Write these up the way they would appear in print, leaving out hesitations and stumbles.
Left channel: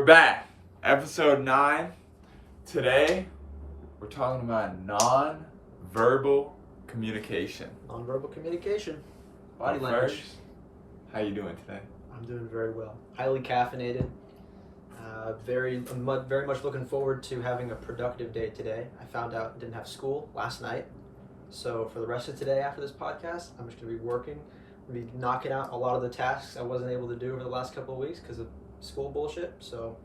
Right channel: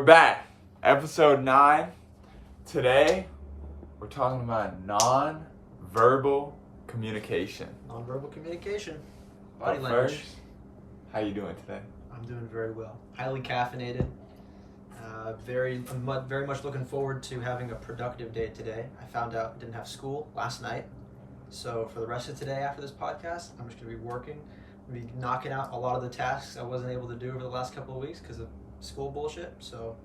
We're back. Episode 9. Today, we're talking about non-verbal communication. Non-verbal communication. Body But language. first, how you doing today? I'm doing very well. Highly caffeinated. I'm very much looking forward to having a productive day today. I found out I didn't have school last night. So for the rest of today after this podcast, I'm just going to be working. I'm going to be knocking out a lot of the tasks I wasn't able to do over the last couple of weeks because of school bullshit. So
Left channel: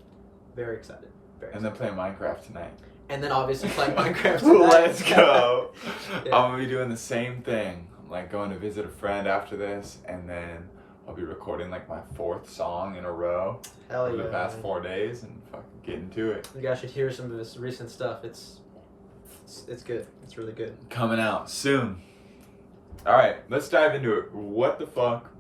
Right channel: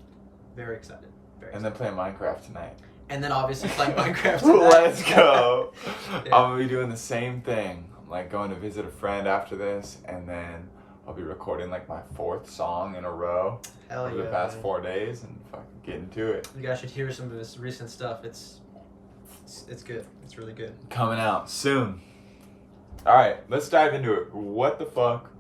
very excited. And then playing Minecraft tonight. And then obviously playing Minecraft tonight. Let's go. Yeah. I'm going to be doing the same thing. I'm like going to visit a friend after this, and then I'll be recording like my 4th song in a row Hell over yeah, the past man. 4 days and fucking getting to it. You guys should hear some of this recent stuff. It's good. It's really good. Coming out soon. Alright, let's dive into it. What the fuck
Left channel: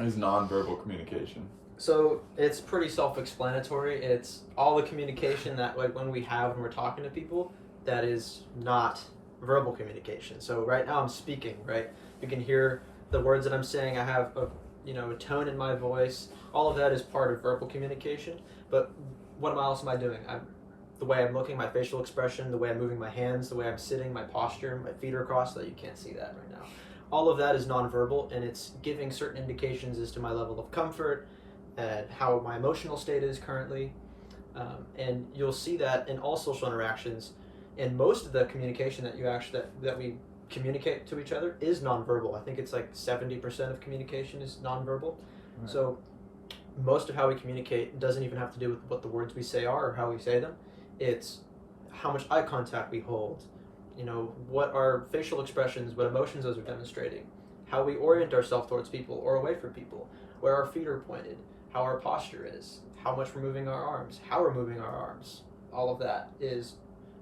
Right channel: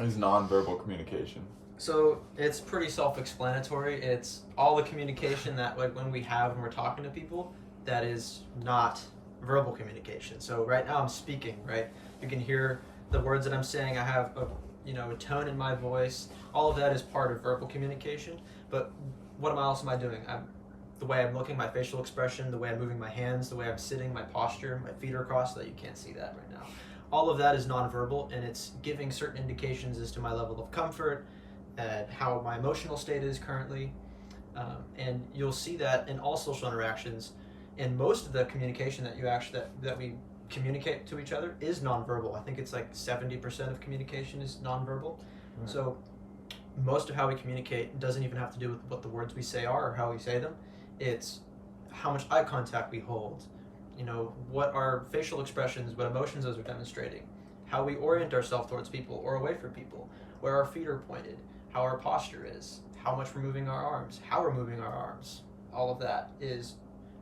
is nonverbal communication? So it's pretty self-explanatory. It's all the communication that like when we have when we're talking to people that is not verbal communication. So right now I'm speaking, right? You can hear the words that I'm saying. I have a tone in my voice. All of that is part of verbal communication. But what else am I doing? The way I'm looking, my facial expression, the way I'm moving my hands, the way I'm sitting, my posture, my feet are crossed, so that you can't see that right now. All of that is nonverbal, and it's giving certain indications as to my level of comfort, how my emotional state is currently, and you'll see that in all social interactions. And most of the communication that we communicate to each other is nonverbal. I think it's like 70% of communication is nonverbal. Right. So most of how we communicate doesn't even have to do with what the words we say are or how we say them. It's how much eye contact we hold, what our facial expressions, what emotions those are demonstrating, how we orient ourselves towards people or away from people, where our feet are pointed, how our posture is, how much we're moving our arms, how we're moving our arms. All of that is,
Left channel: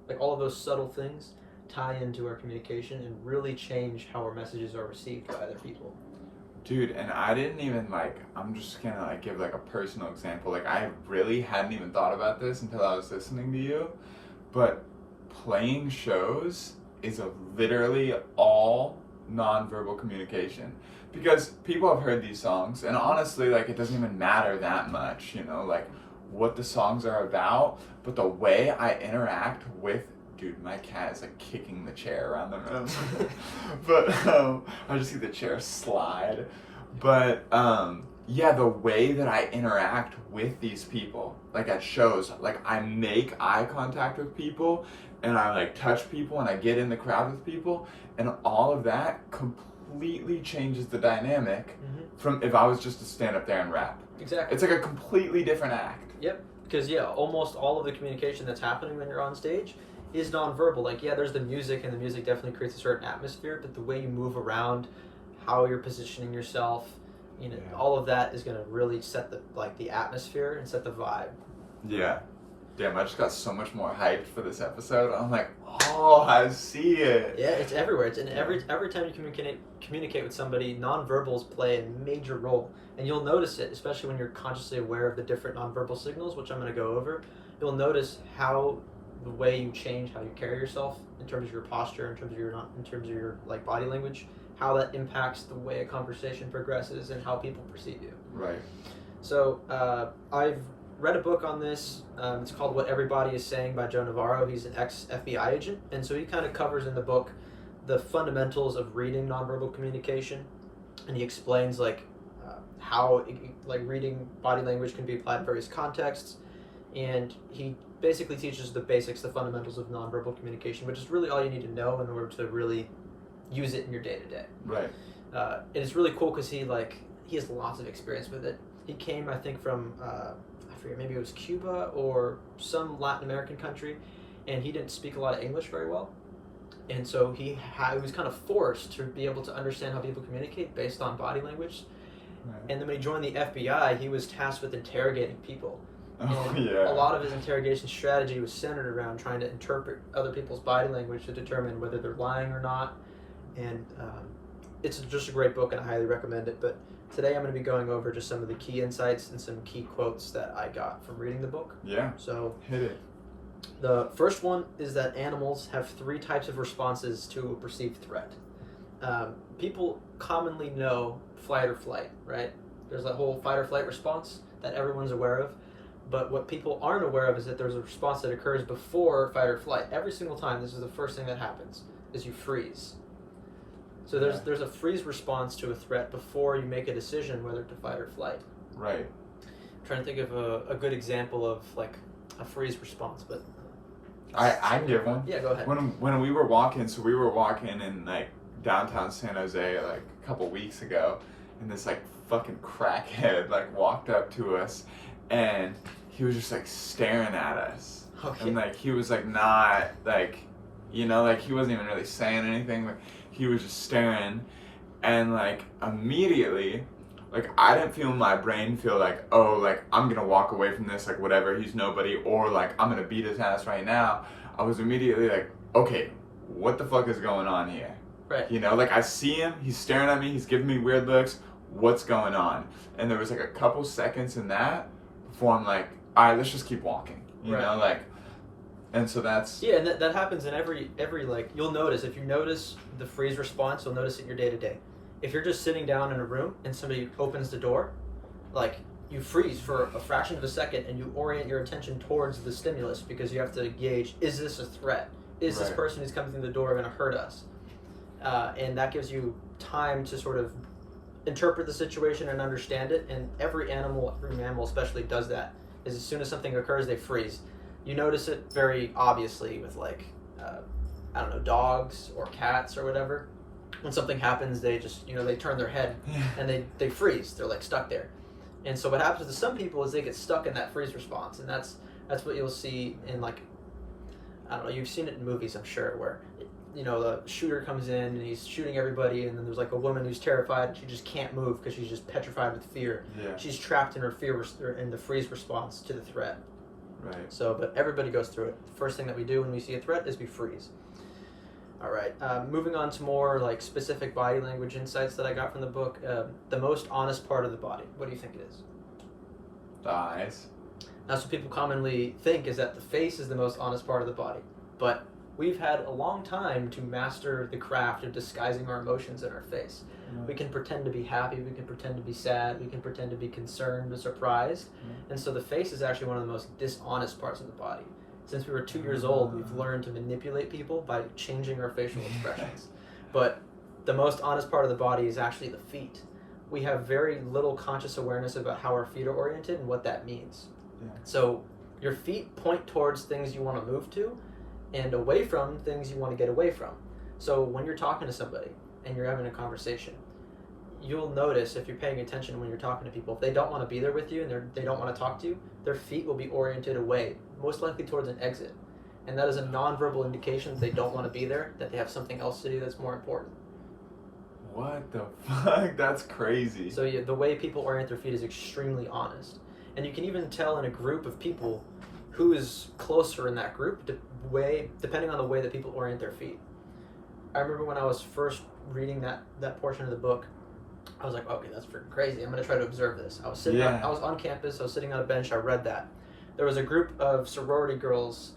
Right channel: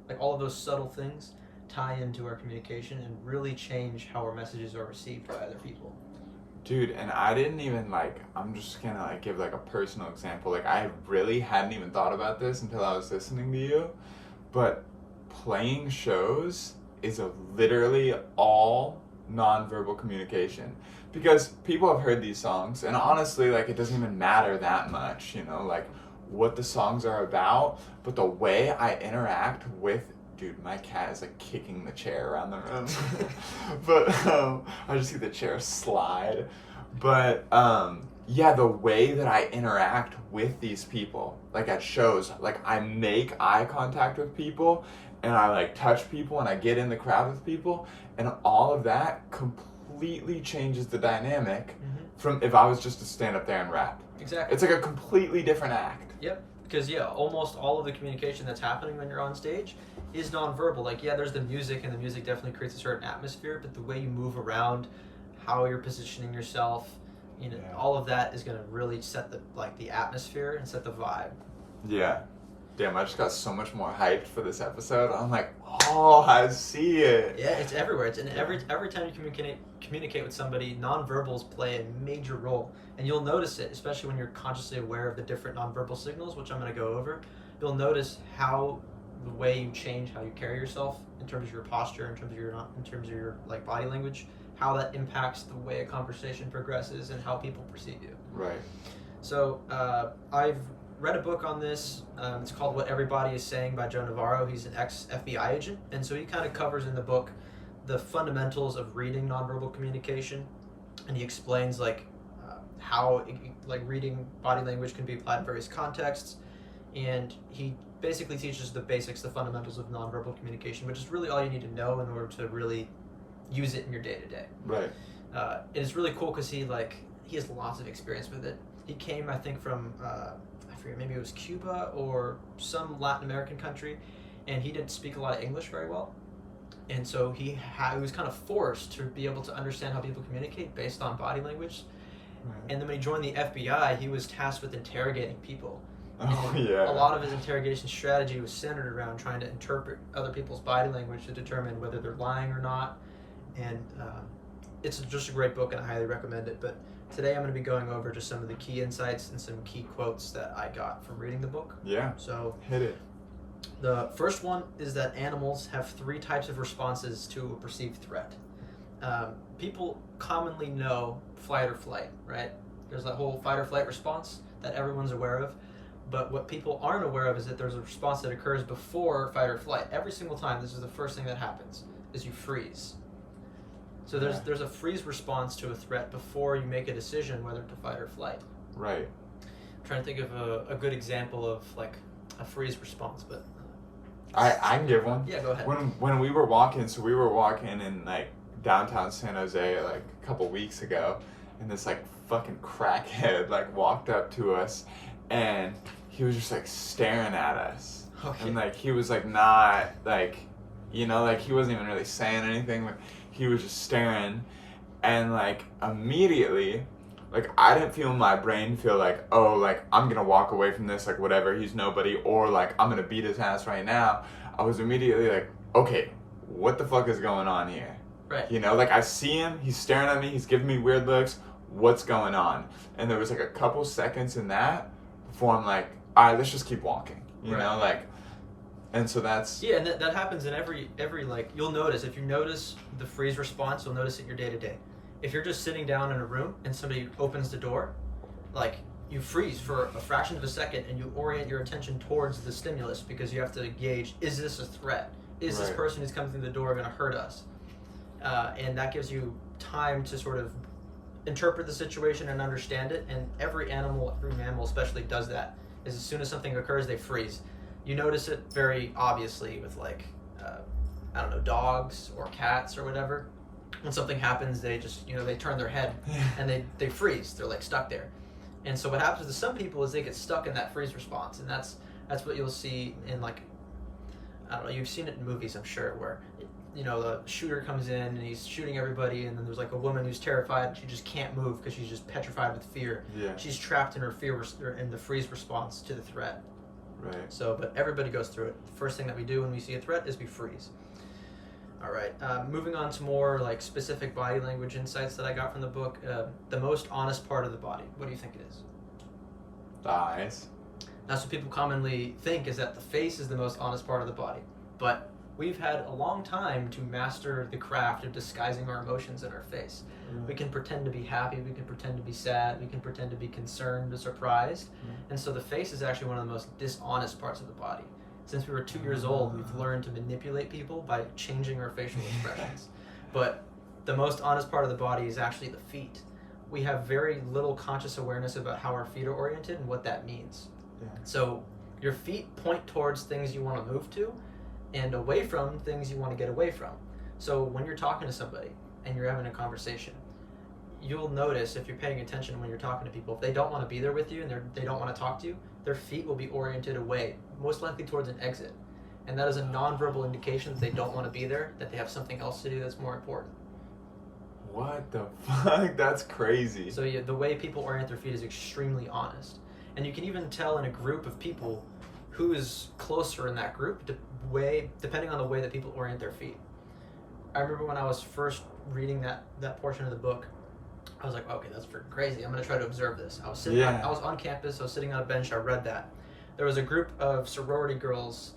like, all of those subtle things tie into our communication and really change how our messages are received by other people. Dude, and I didn't even I'm just gonna give a personal example. I really hadn't even thought about this until I was listening to you, but playing shows is literally all nonverbal communication. Because people have heard these songs, and honestly, it doesn't even matter that much, what the songs are about, but the way I interact with, dude, my cat is kicking the chair around the room. But I just see the chair slide. But yeah, the way that I interact with these people, at shows, I make eye contact with people, and I touch people, and I get in the crowd with people, and all of that completely changes the dynamic from if I was just to stand up there and rap. Exactly. It's a completely different act. Yep. Because almost all of the communication that's happening when you're on stage is nonverbal. There's the music, and the music definitely creates a certain atmosphere, but the way you move around, how you're positioning yourself, all of that is going to really set the atmosphere and set the vibe. Yeah. Damn, I just got so much more hyped for this episode. I'm like, oh, I see it. Yeah, it's everywhere. It's in every time you communicate with somebody, nonverbals play a major role. And you'll notice it, especially when you're consciously aware of the different nonverbal signals, which I'm going to go over. You'll notice how the way you change how you carry yourself in terms of your posture, in terms of your body language, how that impacts the way a conversation progresses and how people perceive you. Right. So I've read a book on this. It's called What Everybody Is Saying by Joe Navarro. He's an ex-FBI agent, and so he kind of covers in the book the fundamentals of reading nonverbal communication, and he explains how reading body language can be applied in various contexts, and he basically teaches the basics, the fundamentals of nonverbal communication, which is really all you need to know in order to really use it in your day-to-day. Right. And it's really cool because he has lots of experience with it. He came, I think, from I forget, maybe it was Cuba or some Latin American country, and he didn't speak a lot of English very well, and so he was kind of forced to be able to understand how people communicate based on body language. Right. And then when he joined the FBI, he was tasked with interrogating people. Oh, And yeah. a lot of his interrogation strategy was centered around trying to interpret other people's body language to determine whether they're lying or not. And it's just a great book, and I highly recommend it. But today I'm going to be going over just some of the key insights and some key quotes that I got from reading the book. Yeah. So Hit it. the first one is that animals have 3 types of responses to a perceived threat. People commonly know fight or flight, right? There's that whole fight or flight response that everyone's aware of. But what people aren't aware of is that there's a response that occurs before fight or flight. Every single time, this is the first thing that happens, is you freeze. So there's a freeze response to a threat before you make a decision whether to fight or flight. Right. I'm trying to think of a good example of like a freeze response, but I can give one. yeah, go ahead. When we were walking in like downtown San Jose like a couple weeks ago, and this like fucking crackhead like walked up to us, and he was just like staring at us, Okay. and like he was like not like, like he wasn't even really saying anything. Like he was just staring, and like immediately, like I didn't feel my brain feel like, oh, like I'm gonna walk away from this, like whatever, he's nobody, or like I'm gonna beat his ass right now. I was immediately like, okay, what the fuck is going on here? Right. Like I see him, he's staring at me, he's giving me weird looks, what's going on? And there was like a couple seconds in that before I'm like, all right, let's just keep walking, and so that's... Yeah, and that happens in every like, you'll notice, if you notice the freeze response, you'll notice it in your day-to-day. If you're just sitting down in a room and somebody opens the door, like, you freeze for a fraction of a second and you orient your attention towards the stimulus because you have to gauge, is this a threat? Is this Right. person who's coming through the door going to hurt us? And that gives you time to sort of interpret the situation and understand it, and every mammal especially does that, is as soon as something occurs, they freeze. You notice it very obviously with like, I don't know, dogs or cats or whatever. When something happens, they just, they turn their head and they freeze. They're like stuck there. And so what happens to some people is they get stuck in that freeze response, and that's what you'll see in like, I don't know, you've seen it in movies, I'm sure, where the shooter comes in and he's shooting everybody, and then there's like a woman who's terrified and she just can't move because she's just petrified with fear. Yeah. She's trapped in her in the freeze response to the threat. Right. So, but everybody goes through it. The first thing that we do when we see a threat is we freeze. All right. Moving on to more like specific body language insights that I got from the book. The most honest part of the body. What do you think it is? The eyes. That's what people commonly think, is that the face is the most honest part of the body. But we've had a long time to master the craft of disguising our emotions in our face. Yeah. We can pretend to be happy, we can pretend to be sad, we can pretend to be concerned or surprised. And so the face is actually one of the most dishonest parts of the body. Since we were 2 years old, we've learned to manipulate people by changing our facial expressions. But the most honest part of the body is actually the feet. We have very little conscious awareness about how our feet are oriented and what that means. Yeah. So your feet point towards things you want to move to and away from things you want to get away from. So when you're talking to somebody and you're having a conversation, you'll notice, if you're paying attention when you're talking to people, if they don't want to be there with you and they don't want to talk to you, their feet will be oriented away, most likely towards an exit. And that is a nonverbal indication that they don't want to be there, that they have something else to do that's more important. What the fuck? That's crazy. So yeah, the way people orient their feet is extremely honest. And you can even tell in a group of people who is closer in that group, depending on the way that people orient their feet. I remember when I was first reading that portion of the book, I was like, okay, that's freaking crazy. I'm going to try to observe this. I was sitting I was on campus, I was sitting on a bench, I read that. There was a group of sorority girls,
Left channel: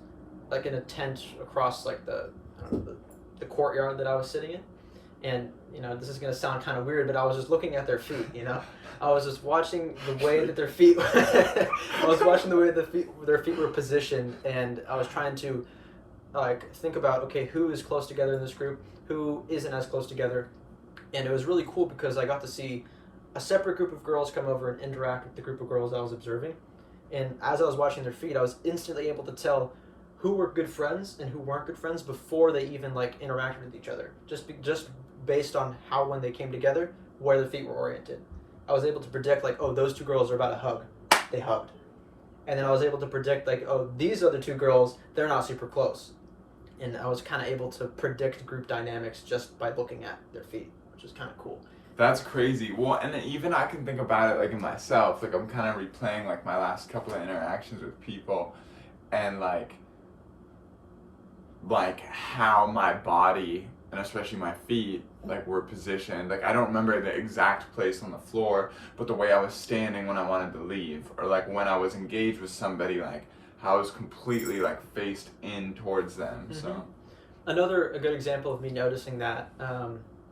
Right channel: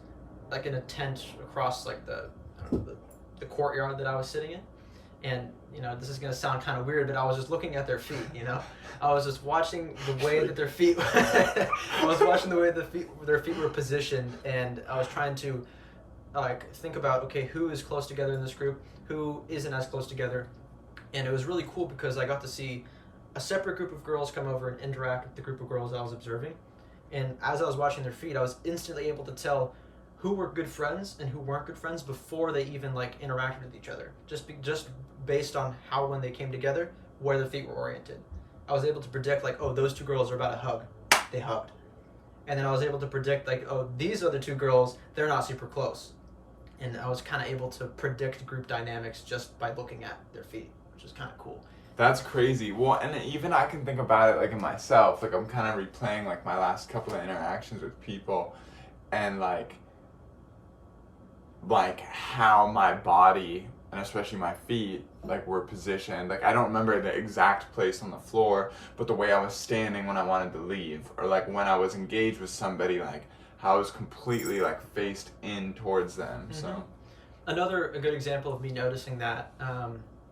like in a tent across like the courtyard that I was sitting in. And, this is going to sound kind of weird, but I was just looking at their feet, I was just watching the way that their feet, their feet were positioned, and I was trying to like think about, okay, who is close together in this group, who isn't as close together. And it was really cool because I got to see a separate group of girls come over and interact with the group of girls I was observing. And as I was watching their feet, I was instantly able to tell who were good friends and who weren't good friends before they even like interacted with each other. Just based on how, when they came together, where their feet were oriented. I was able to predict like, oh, those two girls are about to hug. They hugged. And then I was able to predict like, oh, these other two girls, they're not super close. And I was kind of able to predict group dynamics just by looking at their feet, which is kind of cool. That's crazy. Well, and even I can think about it like in myself. Like I'm kind of replaying like my last couple of interactions with people, and like how my body and especially my feet like were positioned. Like I don't remember the exact place on the floor, but the way I was standing when I wanted to leave, or like when I was engaged with somebody, like how I was completely like faced in towards them. Mm-hmm. So a good example of me noticing that,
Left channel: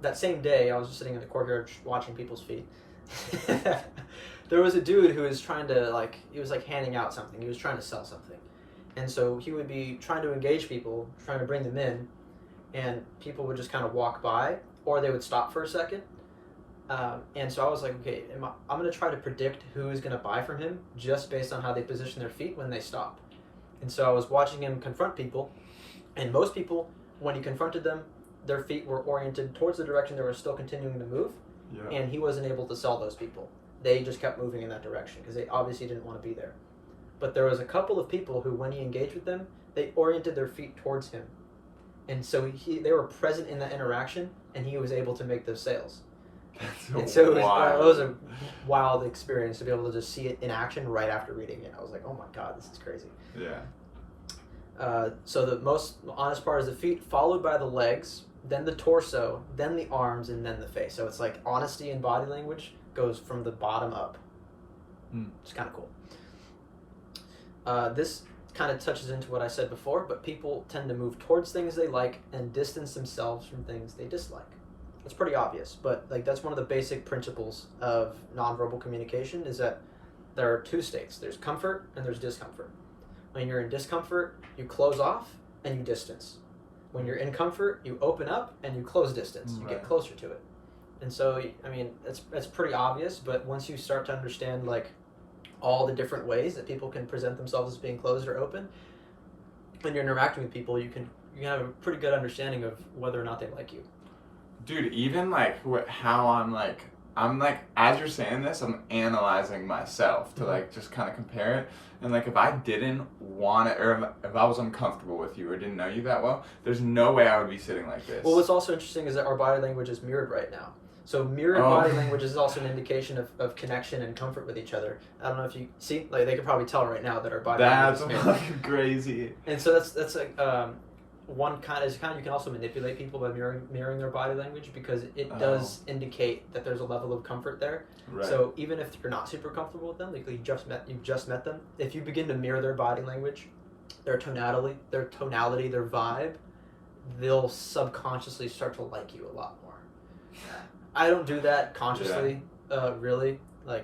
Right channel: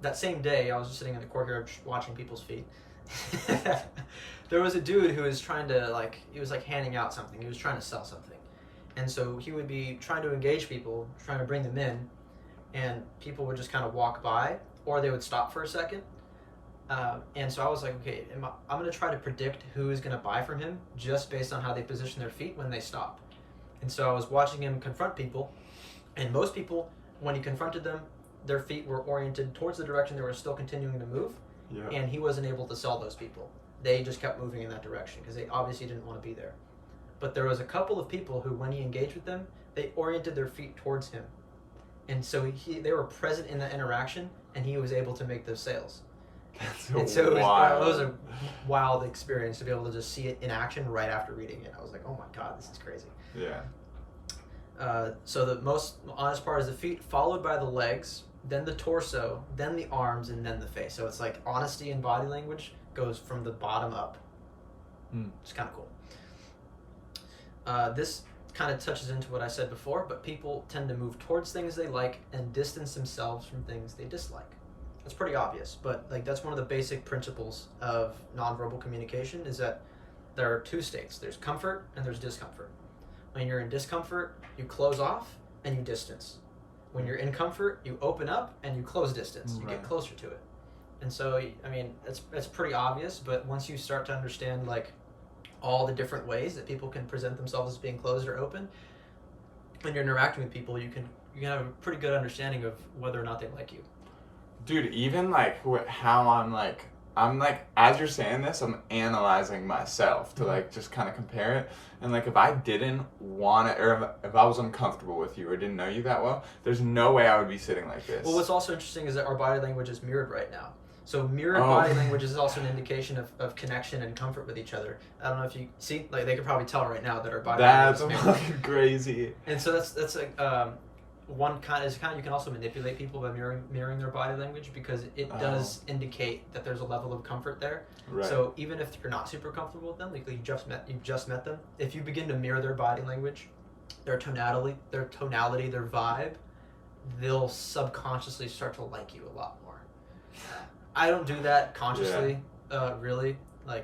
that same day, I was just sitting in the courtyard watching people's feet. There was a dude who was trying to he was handing out something. He was trying to sell something, and so he would be trying to engage people, trying to bring them in, and people would just kind of walk by, or they would stop for a second. And so I was like, okay, I'm going to try to predict who is going to buy from him just based on how they position their feet when they stop. And so I was watching him confront people, and most people, when he confronted them, their feet were oriented towards the direction they were still continuing to move, and he wasn't able to sell those people. They just kept moving in that direction because they obviously didn't want to be there. But there was a couple of people who, when he engaged with them, they oriented their feet towards him. And so they were present in that interaction, and he was able to make those sales. And so it was a wild experience to be able to just see it in action right after reading it. I was like, oh my God, this is crazy. Yeah. So the most honest part is the feet, followed by the legs, then the torso, then the arms, and then the face. So it's like honesty in body language goes from the bottom up. It's kind of cool. This kind of touches into what I said before, but people tend to move towards things they like and distance themselves from things they dislike. It's pretty obvious, but that's one of the basic principles of nonverbal communication is that there are two states. There's comfort and there's discomfort. When you're in discomfort, you close off and you distance. When you're in comfort, you open up and you close distance. You get closer to it. And so, I mean, it's pretty obvious, but once you start to understand all the different ways that people can present themselves as being closed or open, when you're interacting with people, you can have a pretty good understanding of whether or not they like you. Dude, even how I'm as you're saying this, I'm analyzing myself to just kind of compare it. And if I didn't want it, or if I was uncomfortable with you or didn't know you that well, there's no way I would be sitting like this. Well, what's also interesting is that our body language is mirrored right now. So mirrored body language is also an indication of connection and comfort with each other. I don't know if you see, they could probably tell right now that our body language is mirrored. That's fucking crazy. And so that's one kind of you can also manipulate people by mirroring their body language because it does indicate that there's a level of comfort there. Right. So even if you're not super comfortable with them, you've just met them, if you begin to mirror their body language, their tonality, their vibe, they'll subconsciously start to like you a lot more. I don't do that consciously, really. I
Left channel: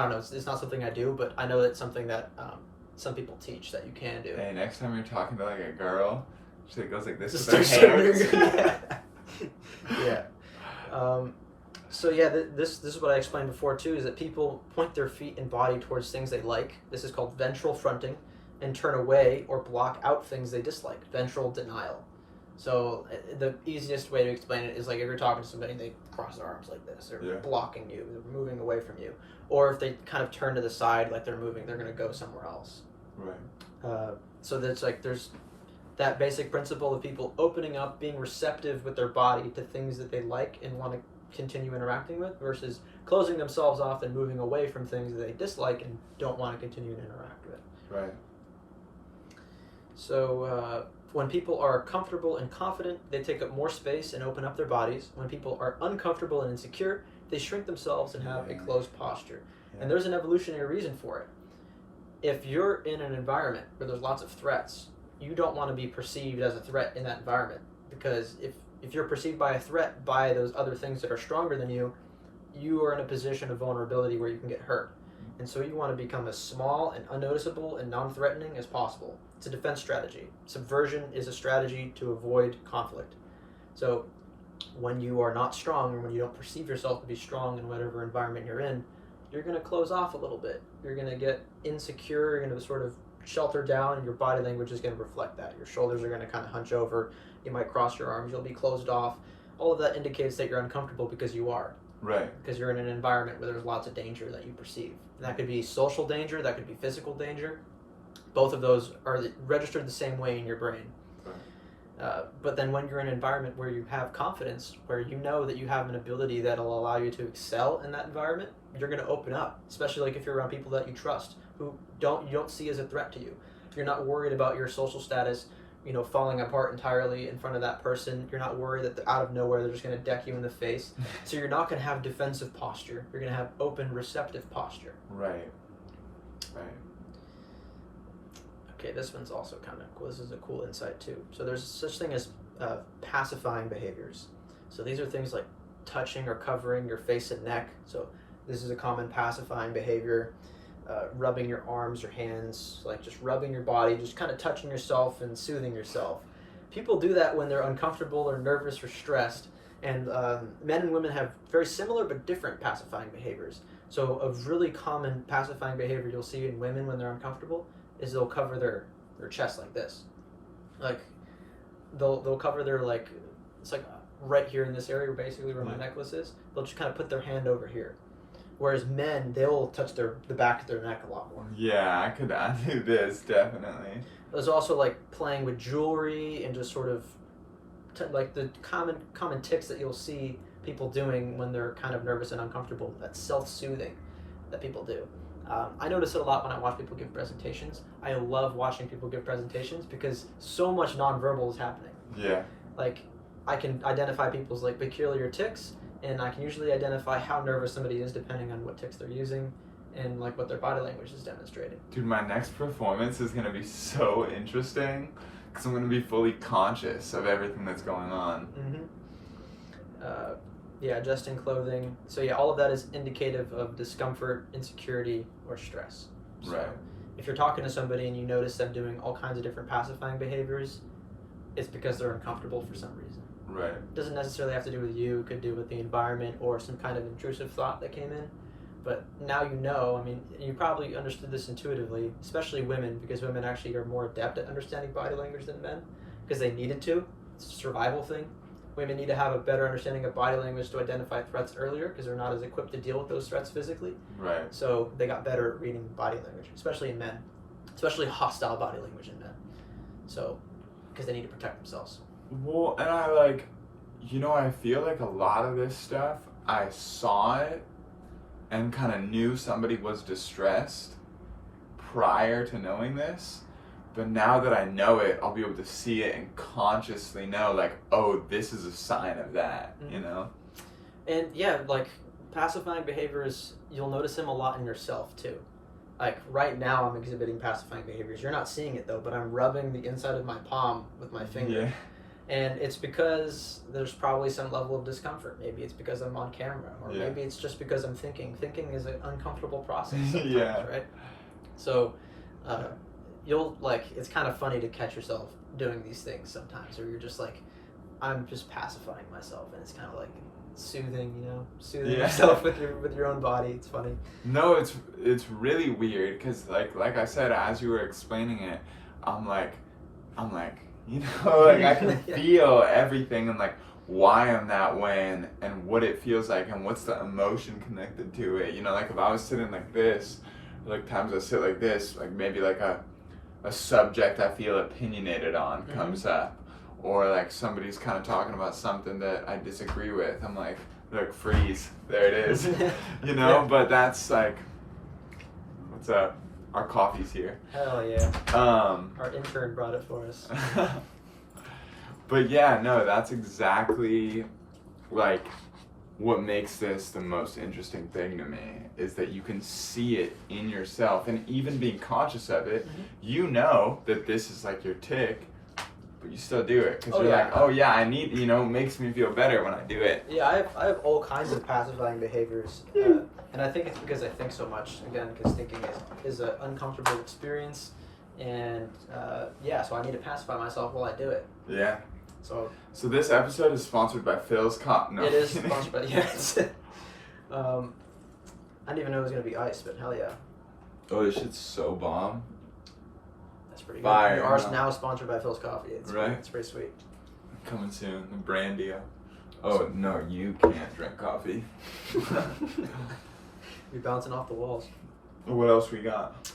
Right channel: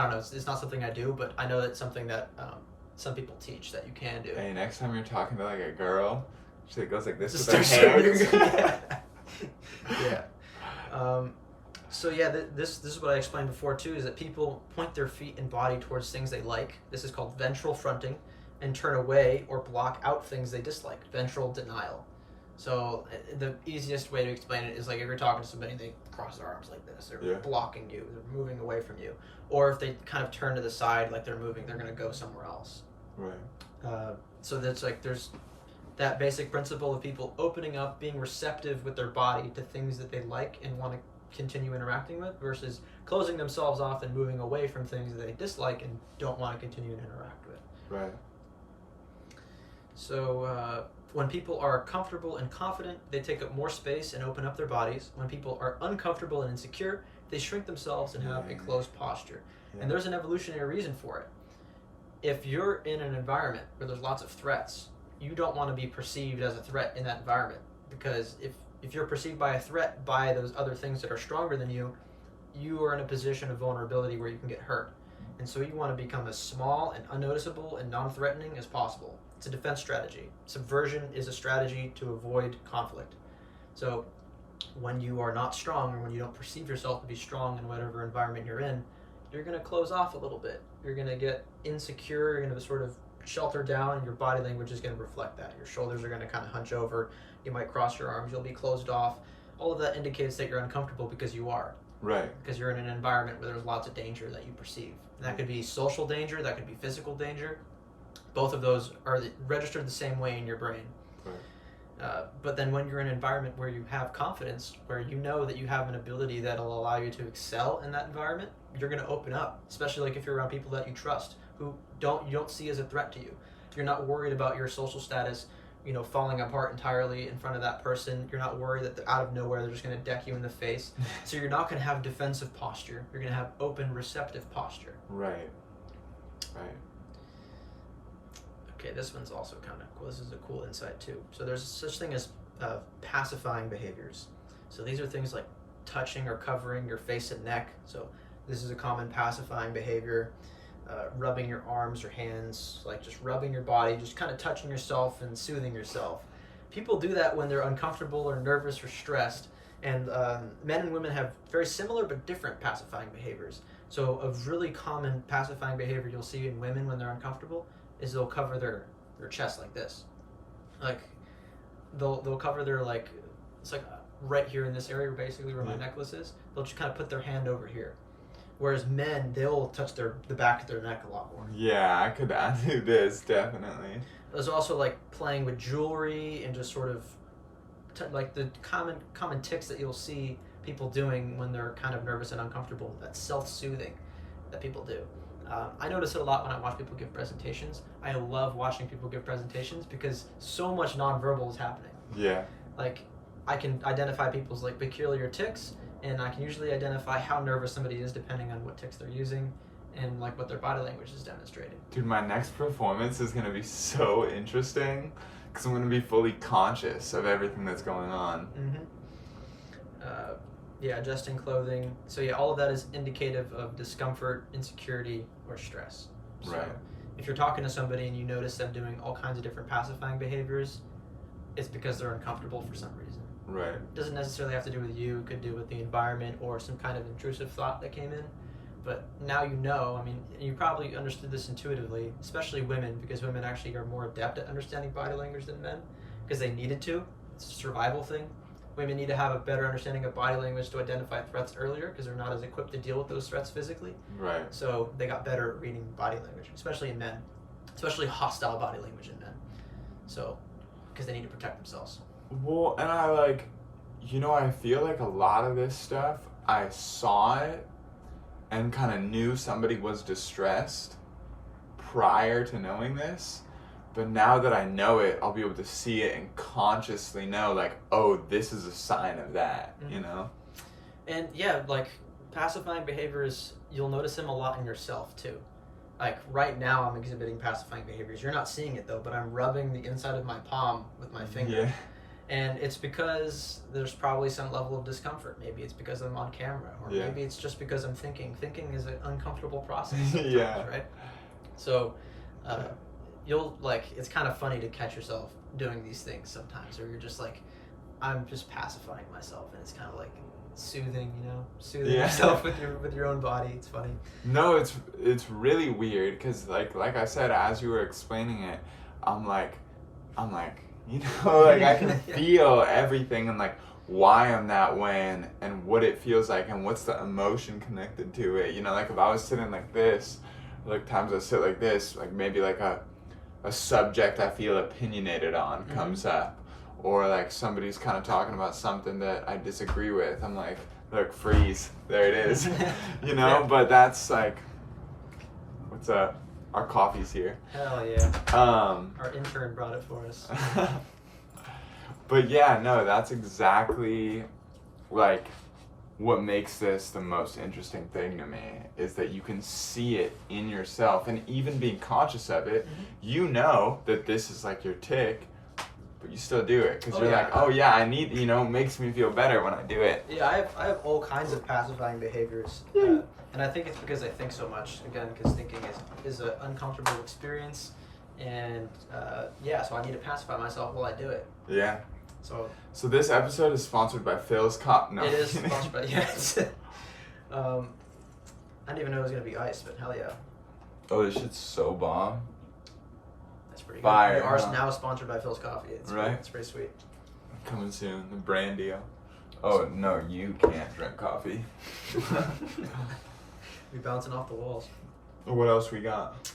don't know. It's not something I do, but I know it's something that some people teach that you can do. Hey, next time you're talking to a girl, she goes like this just with her hands. So this is what I explained before too, is that people point their feet and body towards things they like. This is called ventral fronting, and turn away or block out things they dislike. Ventral denial. So the easiest way to explain it is if you're talking to somebody and they cross their arms like this, they're blocking you, they're moving away from you. Or if they kind of turn to the side like they're moving, they're going to go somewhere else. Right. So that's there's that basic principle of people opening up, being receptive with their body to things that they like and want to continue interacting with, versus closing themselves off and moving away from things that they dislike and don't want to continue to interact with. Right. So when people are comfortable and confident, they take up more space and open up their bodies. When people are uncomfortable and insecure, they shrink themselves and have a closed posture. And there's an evolutionary reason for it. If you're in an environment where there's lots of threats, you don't want to be perceived as a threat in that environment, because if you're perceived by a threat by those other things that are stronger than you, you are in a position of vulnerability where you can get hurt. And so you want to become as small and unnoticeable and non-threatening as possible. It's a defense strategy. Subversion is a strategy to avoid conflict. So when you are not strong, or when you don't perceive yourself to be strong in whatever environment you're in, you're going to close off a little bit. You're going to get insecure, you're going to sort of shelter down, and your body language is going to reflect that. Your shoulders are going to kind of hunch over. You might cross your arms. You'll be closed off. All of that indicates that you're uncomfortable because you are. Right. Because you're in an environment where there's lots of danger that you perceive. And that could be social danger, that could be physical danger. Both of those are registered the same way in your brain. Right. But then when you're in an environment where you have confidence, where you know that you have an ability that'll allow you to excel in that environment, you're going to open up, especially if you're around people that you trust, who you don't see as a threat to you. You're not worried about your social status, falling apart entirely in front of that person. You're not worried that out of nowhere they're just going to deck you in the face. So you're not going to have defensive posture. You're going to have open, receptive posture. Right. Okay, this one's also kind of cool. This is a cool insight too. So there's such thing as pacifying behaviors. So these are things like touching or covering your face and neck. So this is a common pacifying behavior. Rubbing your arms or hands, like just rubbing your body, just kind of touching yourself and soothing yourself. People do that when they're uncomfortable or nervous or stressed. And men and women have very similar but different pacifying behaviors. So a really common pacifying behavior you'll see in women when they're uncomfortable is they'll cover their chest like this. Like they'll cover their, like, it's like right here in this area basically where my necklace is. They'll just kind of put their hand over here. Whereas men, they'll touch the back of their neck a lot more. Yeah, I do this, definitely. There's also like playing with jewelry and just sort of like the common tics that you'll see people doing when they're kind of nervous and uncomfortable. That's self-soothing that people do. I notice it a lot when I watch people give presentations. I love watching people give presentations because so much nonverbal is happening. Yeah. Like I can identify people's like peculiar tics, and I can usually identify how nervous somebody is depending on what tics they're using and like what their body language is demonstrating. Dude, my next performance is going to be so interesting because I'm going to be fully conscious of everything that's going on. Yeah, adjusting clothing. So yeah, all of that is indicative of discomfort, insecurity, or stress. So Right. if you're talking to somebody and you notice them doing all kinds of different pacifying behaviors, it's because they're uncomfortable for some reason. Right. It doesn't necessarily have to do with you. It could do with the environment or some kind of intrusive thought that came in. But now you know, I mean, you probably understood this intuitively, especially women, because women actually are more adept at understanding body language than men, because they needed to. It's a survival thing. Women need to have a better understanding of body language to identify threats earlier, because they're not as equipped to deal with those threats physically. Right. So they got better at reading body language, especially in men, especially hostile body language in men. So, because they need to protect themselves. Well, and I feel like a lot of this stuff, I saw it and kind of knew somebody was distressed prior to knowing this. But now that I know it, I'll be able to see it and consciously know, like, oh, this is a sign of that, you know? And yeah, like pacifying behaviors, you'll notice them a lot in yourself too. Like right now I'm exhibiting pacifying behaviors. You're not seeing it though, but I'm rubbing the inside of my palm with my finger. Yeah. And it's because there's probably some level of discomfort. Maybe it's because I'm on camera, or maybe it's just because I'm thinking. Thinking is an uncomfortable process sometimes, right? So you'll, like, it's kind of funny to catch yourself doing these things sometimes, or you're just like, I'm just pacifying myself, and it's kind of like soothing, soothing yourself with your own body. It's funny. No, it's really weird because like I said, as you were explaining it, I'm like, like I can feel everything and like why I'm that way and what it feels like and what's the emotion connected to it. Like if I was sitting like this, like times I sit like this, like maybe like a subject I feel opinionated on comes up, or like somebody's kind of talking about something that I disagree with. I'm like, look, freeze, there it is, But that's like, what's up? Our coffee's here. Hell yeah. Our intern brought it for us. But yeah, no, that's exactly like what makes this the most interesting thing to me, is that you can see it in yourself, and even being conscious of it, you know that this is like your tick, but you still do it because you're like, oh yeah, I need, it makes me feel better when I do it. Yeah, I have all kinds of pacifying behaviors, and I think it's because I think so much. Again, because thinking is an uncomfortable experience, and so I need to pacify myself while I do it. Yeah. So this episode is sponsored by Phil's No. It is sponsored by I didn't even know it was gonna be ice, but hell yeah. Oh, this shit's so bomb. That's pretty Fire, good. We are now sponsored by Phil's Coffee. It's pretty sweet. Coming soon, the brand deal. Oh no, you can't drink coffee. Be bouncing off the walls. What else we got?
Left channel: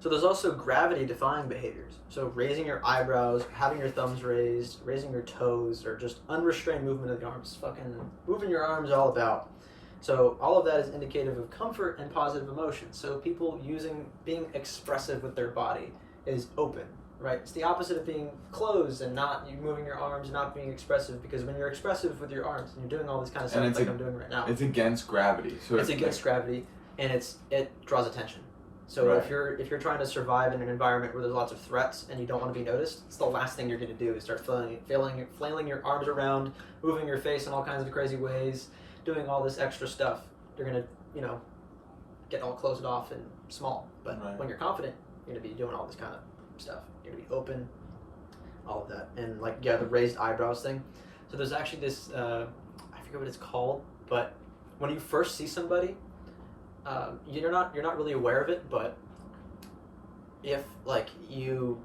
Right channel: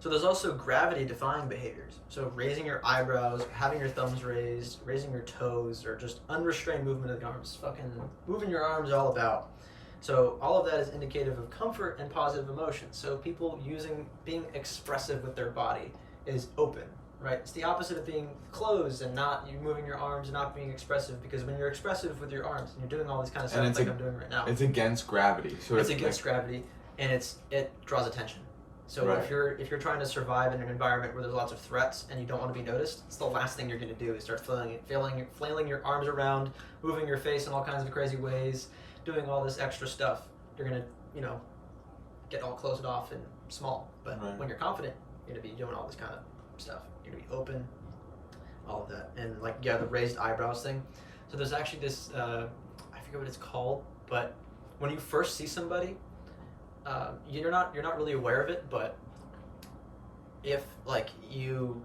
So there's also gravity-defying behaviors. So raising your eyebrows, having your thumbs raised, raising your toes, or just unrestrained movement of the arms. Fucking moving your arms all about. So all of that is indicative of comfort and positive emotion. So people being expressive with their body is open, right? It's the opposite of being closed and not you moving your arms and not being expressive, because when you're expressive with your arms and you're doing all this kind of stuff like I'm doing right now. It's against gravity. So it's against gravity, and it draws attention. So Right. if you're trying to survive in an environment where there's lots of threats and you don't want to be noticed, it's the last thing you're going to do is start flailing your arms around, moving your face in all kinds of crazy ways, doing all this extra stuff. You're going to, get all closed off and small. But Right. when you're confident, you're going to be doing all this kind of stuff. You're going to be open, all of that. And the raised eyebrows thing. So there's actually this, I forget what it's called, but when you first see somebody, you're not really aware of it, but if you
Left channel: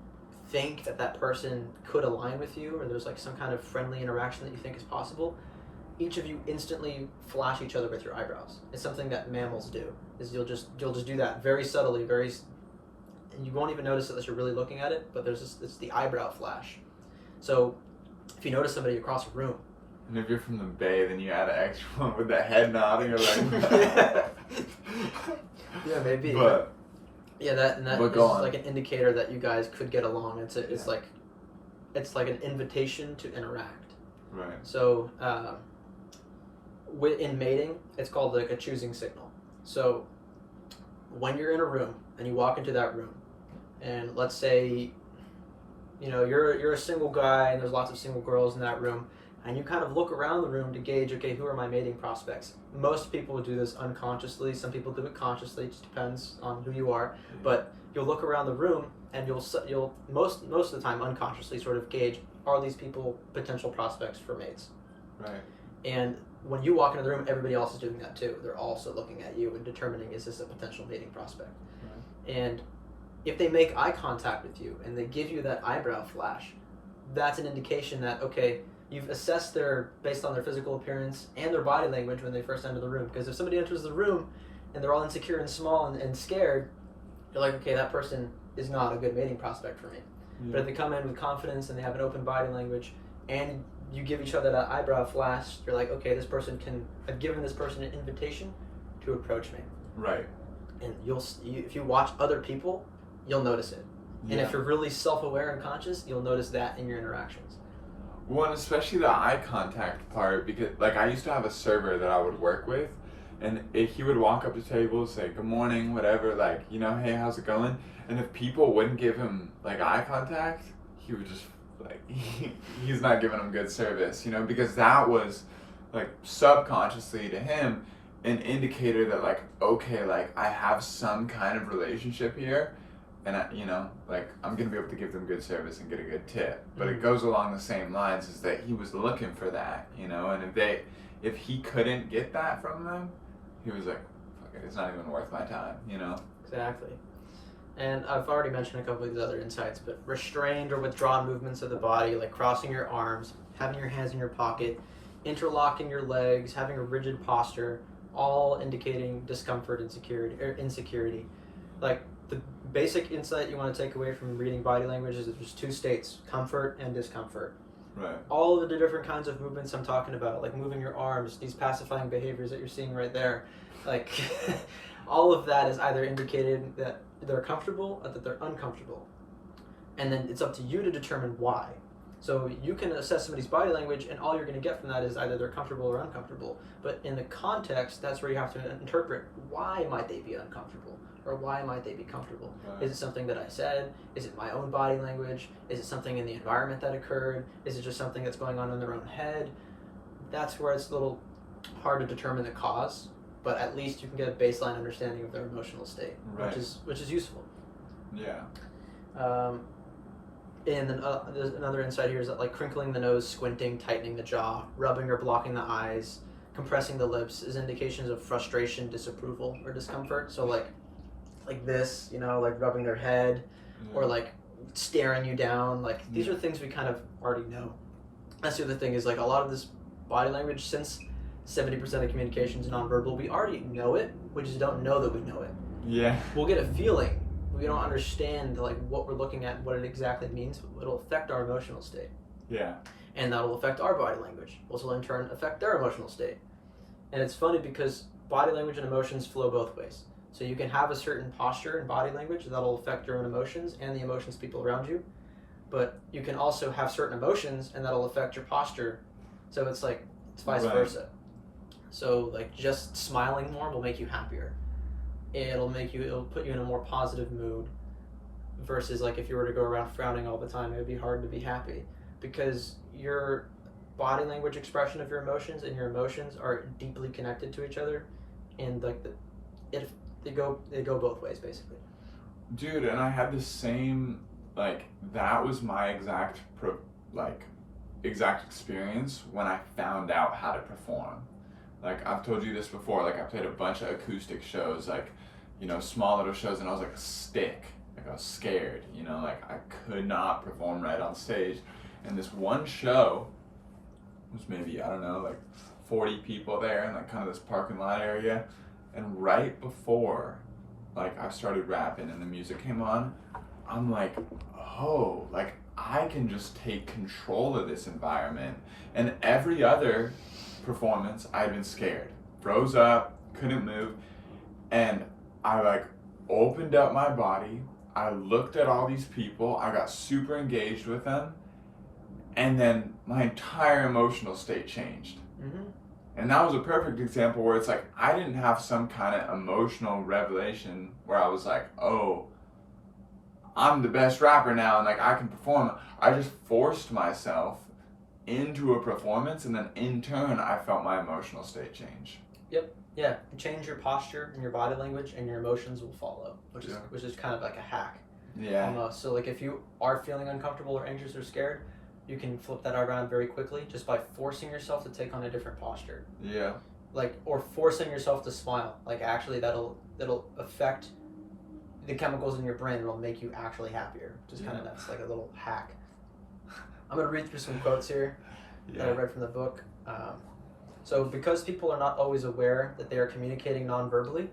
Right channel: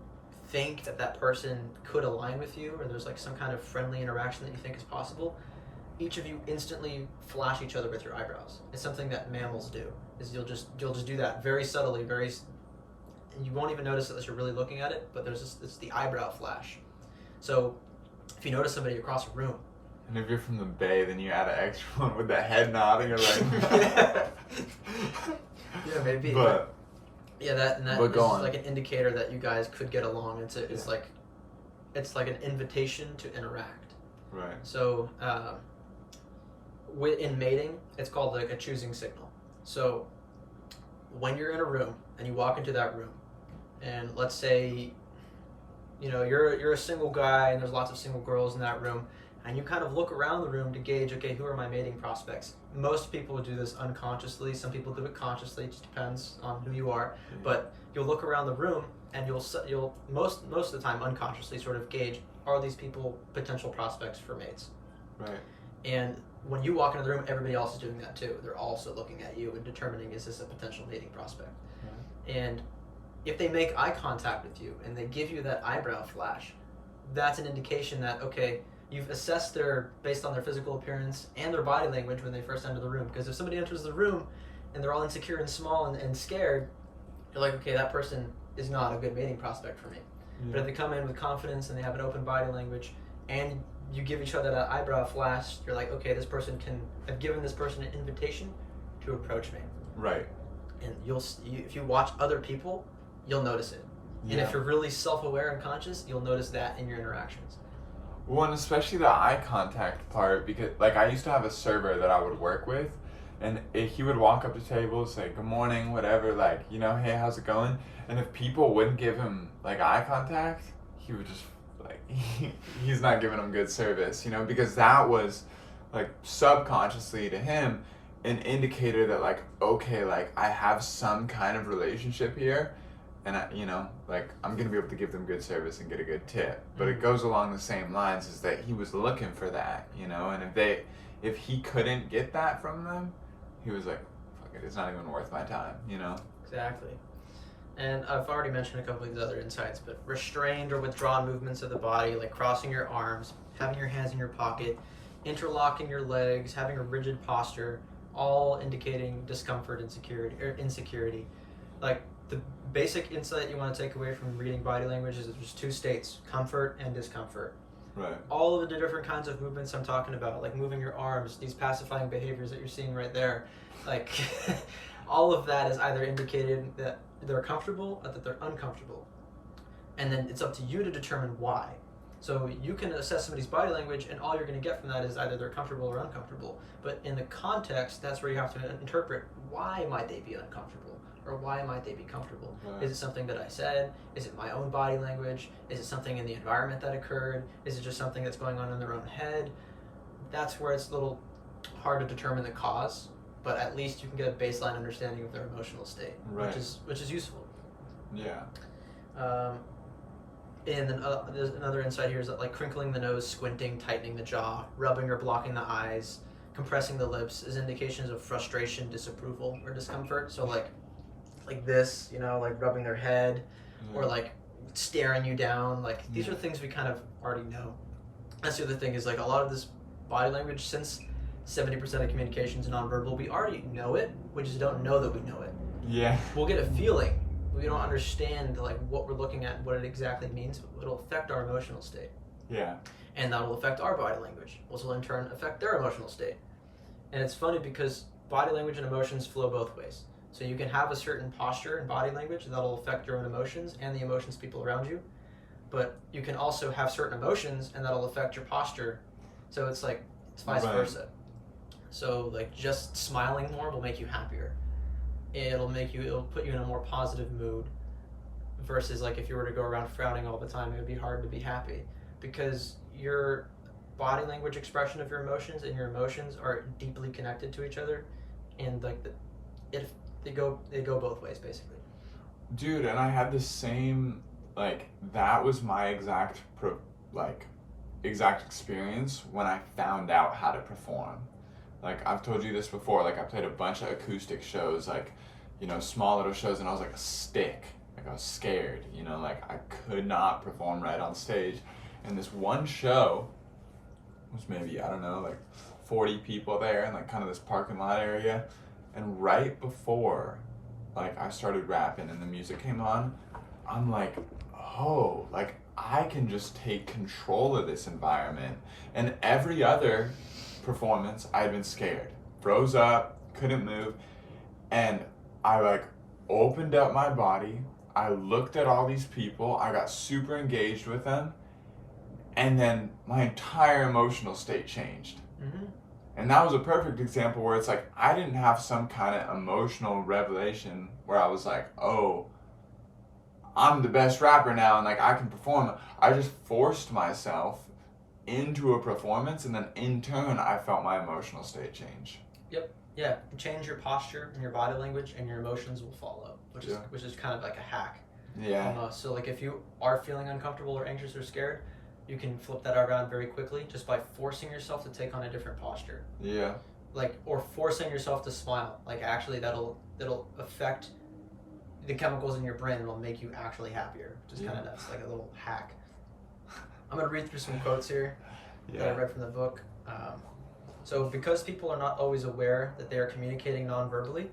think that person could align with you, or there's some kind of friendly interaction that you think is possible, each of you instantly flash each other with your eyebrows. It's something that mammals do. Is you'll just do that very subtly, and you won't even notice it unless you're really looking at it. But it's the eyebrow flash. So if you notice somebody across a room. And if you're from the Bay, then you add an extra one with the head nodding or Yeah, maybe. But that but is go on. an indicator that you guys could get along. It's like an invitation to interact. right. So in mating, it's called a choosing signal. So when you're in a room and you walk into that room, and let's say you're a single guy and there's lots of single girls in that room, and you kind of look around the room to gauge, okay, who are my mating prospects? Most people would do this unconsciously. Some people do it consciously. It just depends on who you are. But you'll look around the room and you'll most of the time unconsciously sort of gauge, are these people potential prospects for mates? Right. And when you walk into the room, everybody else is doing that too. They're also looking at you and determining, is this a potential mating prospect? Right. And if they make eye contact with you and they give you that eyebrow flash, that's an indication that, okay, you've assessed based on their physical appearance and their body language when they first enter the room. Because if somebody enters the room and they're all insecure and small and scared, you're like, okay, that person is not a good mating prospect for me. Yeah. But if they come in with confidence and they have an open body language and you give each other that eyebrow flash, you're like, okay, I've given this person an invitation to approach me. Right. And if you watch other people, you'll notice it. And Yeah. if you're really self-aware and conscious, you'll notice that in your interactions. Well, and especially the eye contact part, because I used to have a server that I would work with, and he would walk up to tables, say good morning, whatever, hey, how's it going? And if people wouldn't give him eye contact, he would just he's not giving them good service, because that was subconsciously to him an indicator that okay, I have some kind of relationship here. And I'm gonna be able to give them good service and get a good tip. But it goes along the same lines as that he was looking for that, and if he couldn't get that from them, he was like, fuck it, it's not even worth my time, Exactly. And I've already mentioned a couple of these other insights, but restrained or withdrawn movements of the body, like crossing your arms, having your hands in your pocket, interlocking your legs, having a rigid posture, all indicating discomfort and insecurity. The basic insight you want to take away from reading body language is that there's two states, comfort and discomfort. Right. All of the different kinds of movements I'm talking about, like moving your arms, these pacifying behaviors that you're seeing right there, all of that is either indicated that they're comfortable or that they're uncomfortable. And then it's up to you to determine why. So you can assess somebody's body language, and all you're going to get from that is either they're comfortable or uncomfortable. But in the context, that's where you have to interpret, why might they be uncomfortable? Or why might they be comfortable? Right. Is it something that I said? Is it my own body language? Is it something in the environment that occurred? Is it just something that's going on in their own head? That's where it's a little hard to determine the cause, but at least you can get a baseline understanding of their emotional state, Right. which is useful. Yeah. And then there's another insight here is that crinkling the nose, squinting, tightening the jaw, rubbing or blocking the eyes, compressing the lips is indications of frustration, disapproval, or discomfort. So like this, rubbing their head, or staring you down. These are things we kind of already know. That's the other thing is a lot of this body language, since 70% of communication is nonverbal, we already know it. We just don't know that we know it. Yeah. We'll get a feeling. We don't understand what we're looking at, what it exactly means. It'll affect our emotional state. Yeah. And that'll affect our body language, which will in turn affect their emotional state. And it's funny because body language and emotions flow both ways. So you can have a certain posture and body language that'll affect your own emotions and the emotions of people around you. But you can also have certain emotions and that'll affect your posture. So it's vice Right. versa. So just smiling more will make you happier. it'll put you in a more positive mood, versus like if you were to go around frowning all the time, it would be hard to be happy, because your body language expression of your emotions and your emotions are deeply connected to each other, and like they go both ways basically. Dude, and I had the same, like, that was my exact experience when I found out how to perform. Like, I've told you this before, like, I played a bunch of acoustic shows, like, you know, small little shows, and I was like a stick. Like, I was scared, you know, like, I could not perform right on stage. And this one show was maybe, I don't know, like 40 people there in, like, kind of this parking lot area. And right before, like, I started rapping and the music came on, I'm like, oh, like, I can just take control of this environment. And every other performance, I'd been scared. Froze up, couldn't move. And I, like, opened up my body. I looked at all these people. I got super engaged with them. And then my entire emotional state changed. Mm-hmm. And that was a perfect example where it's like, I didn't have some kind of emotional revelation where I was like, oh, I'm the best rapper now and like I can perform. I just forced myself into a performance, and then in turn I felt my emotional state change. Yep. Yeah. Change your posture and your body language, and your emotions will follow, which is kind of like a hack. Yeah. Almost. So like if you are feeling uncomfortable or anxious or scared, you can flip that around very quickly just by forcing yourself to take on a different posture. Yeah. Like, or forcing yourself to smile. Like, actually that'll affect the chemicals in your brain. It'll make you actually happier. Just kind of, that's like a little hack. I'm going to read through some quotes here that I read from the book. So because people are not always aware that they are communicating non-verbally,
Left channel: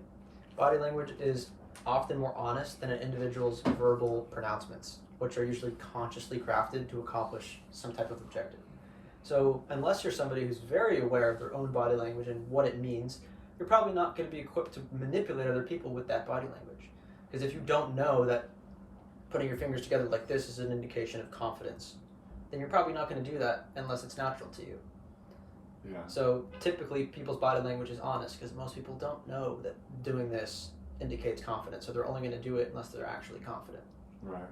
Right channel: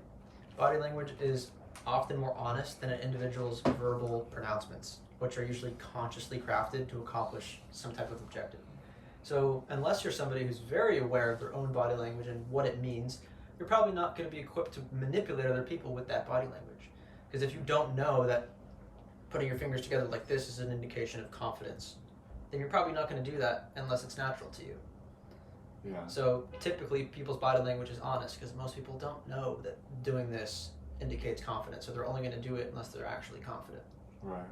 body language is often more honest than an individual's verbal pronouncements, which are usually consciously crafted to accomplish some type of objective. So unless you're somebody who's very aware of their own body language and what it means, you're probably not going to be equipped to manipulate other people with that body language. Because if you don't know that putting your fingers together like this is an indication of confidence, then you're probably not going to do that unless it's natural to you. Yeah. So typically people's body language is honest because most people don't know that doing this indicates confidence, so they're only going to do it unless they're actually confident. Right.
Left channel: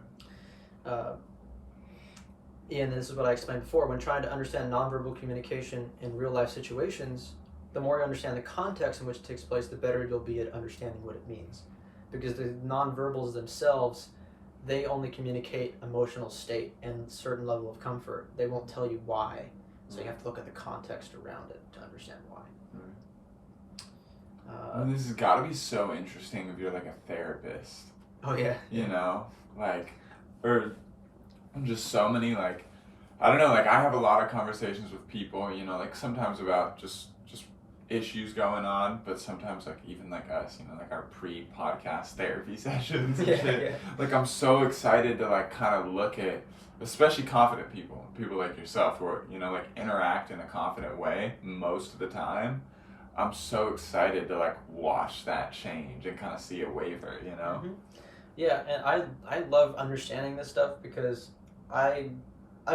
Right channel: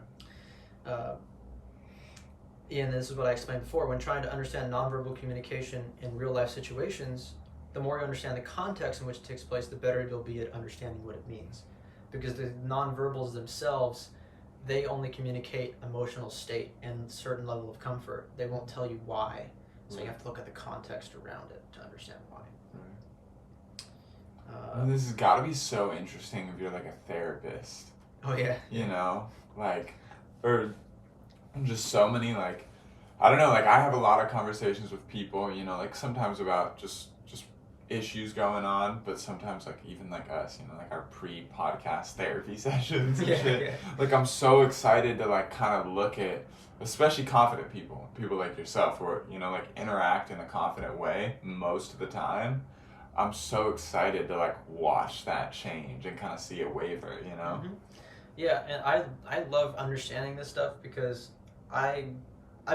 And this is what I explained before. When trying to understand nonverbal communication in real life situations, the more you understand the context in which it takes place, the better you'll be at understanding what it means. Because the nonverbals themselves, they only communicate emotional state and a certain level of comfort. They won't tell you why. So you have to look at the context around it to understand why. This has got to be so interesting if you're like a therapist. Oh yeah. You know, like, or just so many, like, I don't know, like I have a lot of conversations with people, you know, like sometimes about just issues going on, but sometimes like even like us, you know, like our pre-podcast therapy sessions and shit. Yeah. Like I'm so excited to like kind of look at, especially confident people like yourself who are, you know, like interact in a confident way most of the time. I'm so excited to like watch that change and kind of see it waver, you know? Mm-hmm. Yeah, and I love understanding this stuff because I'm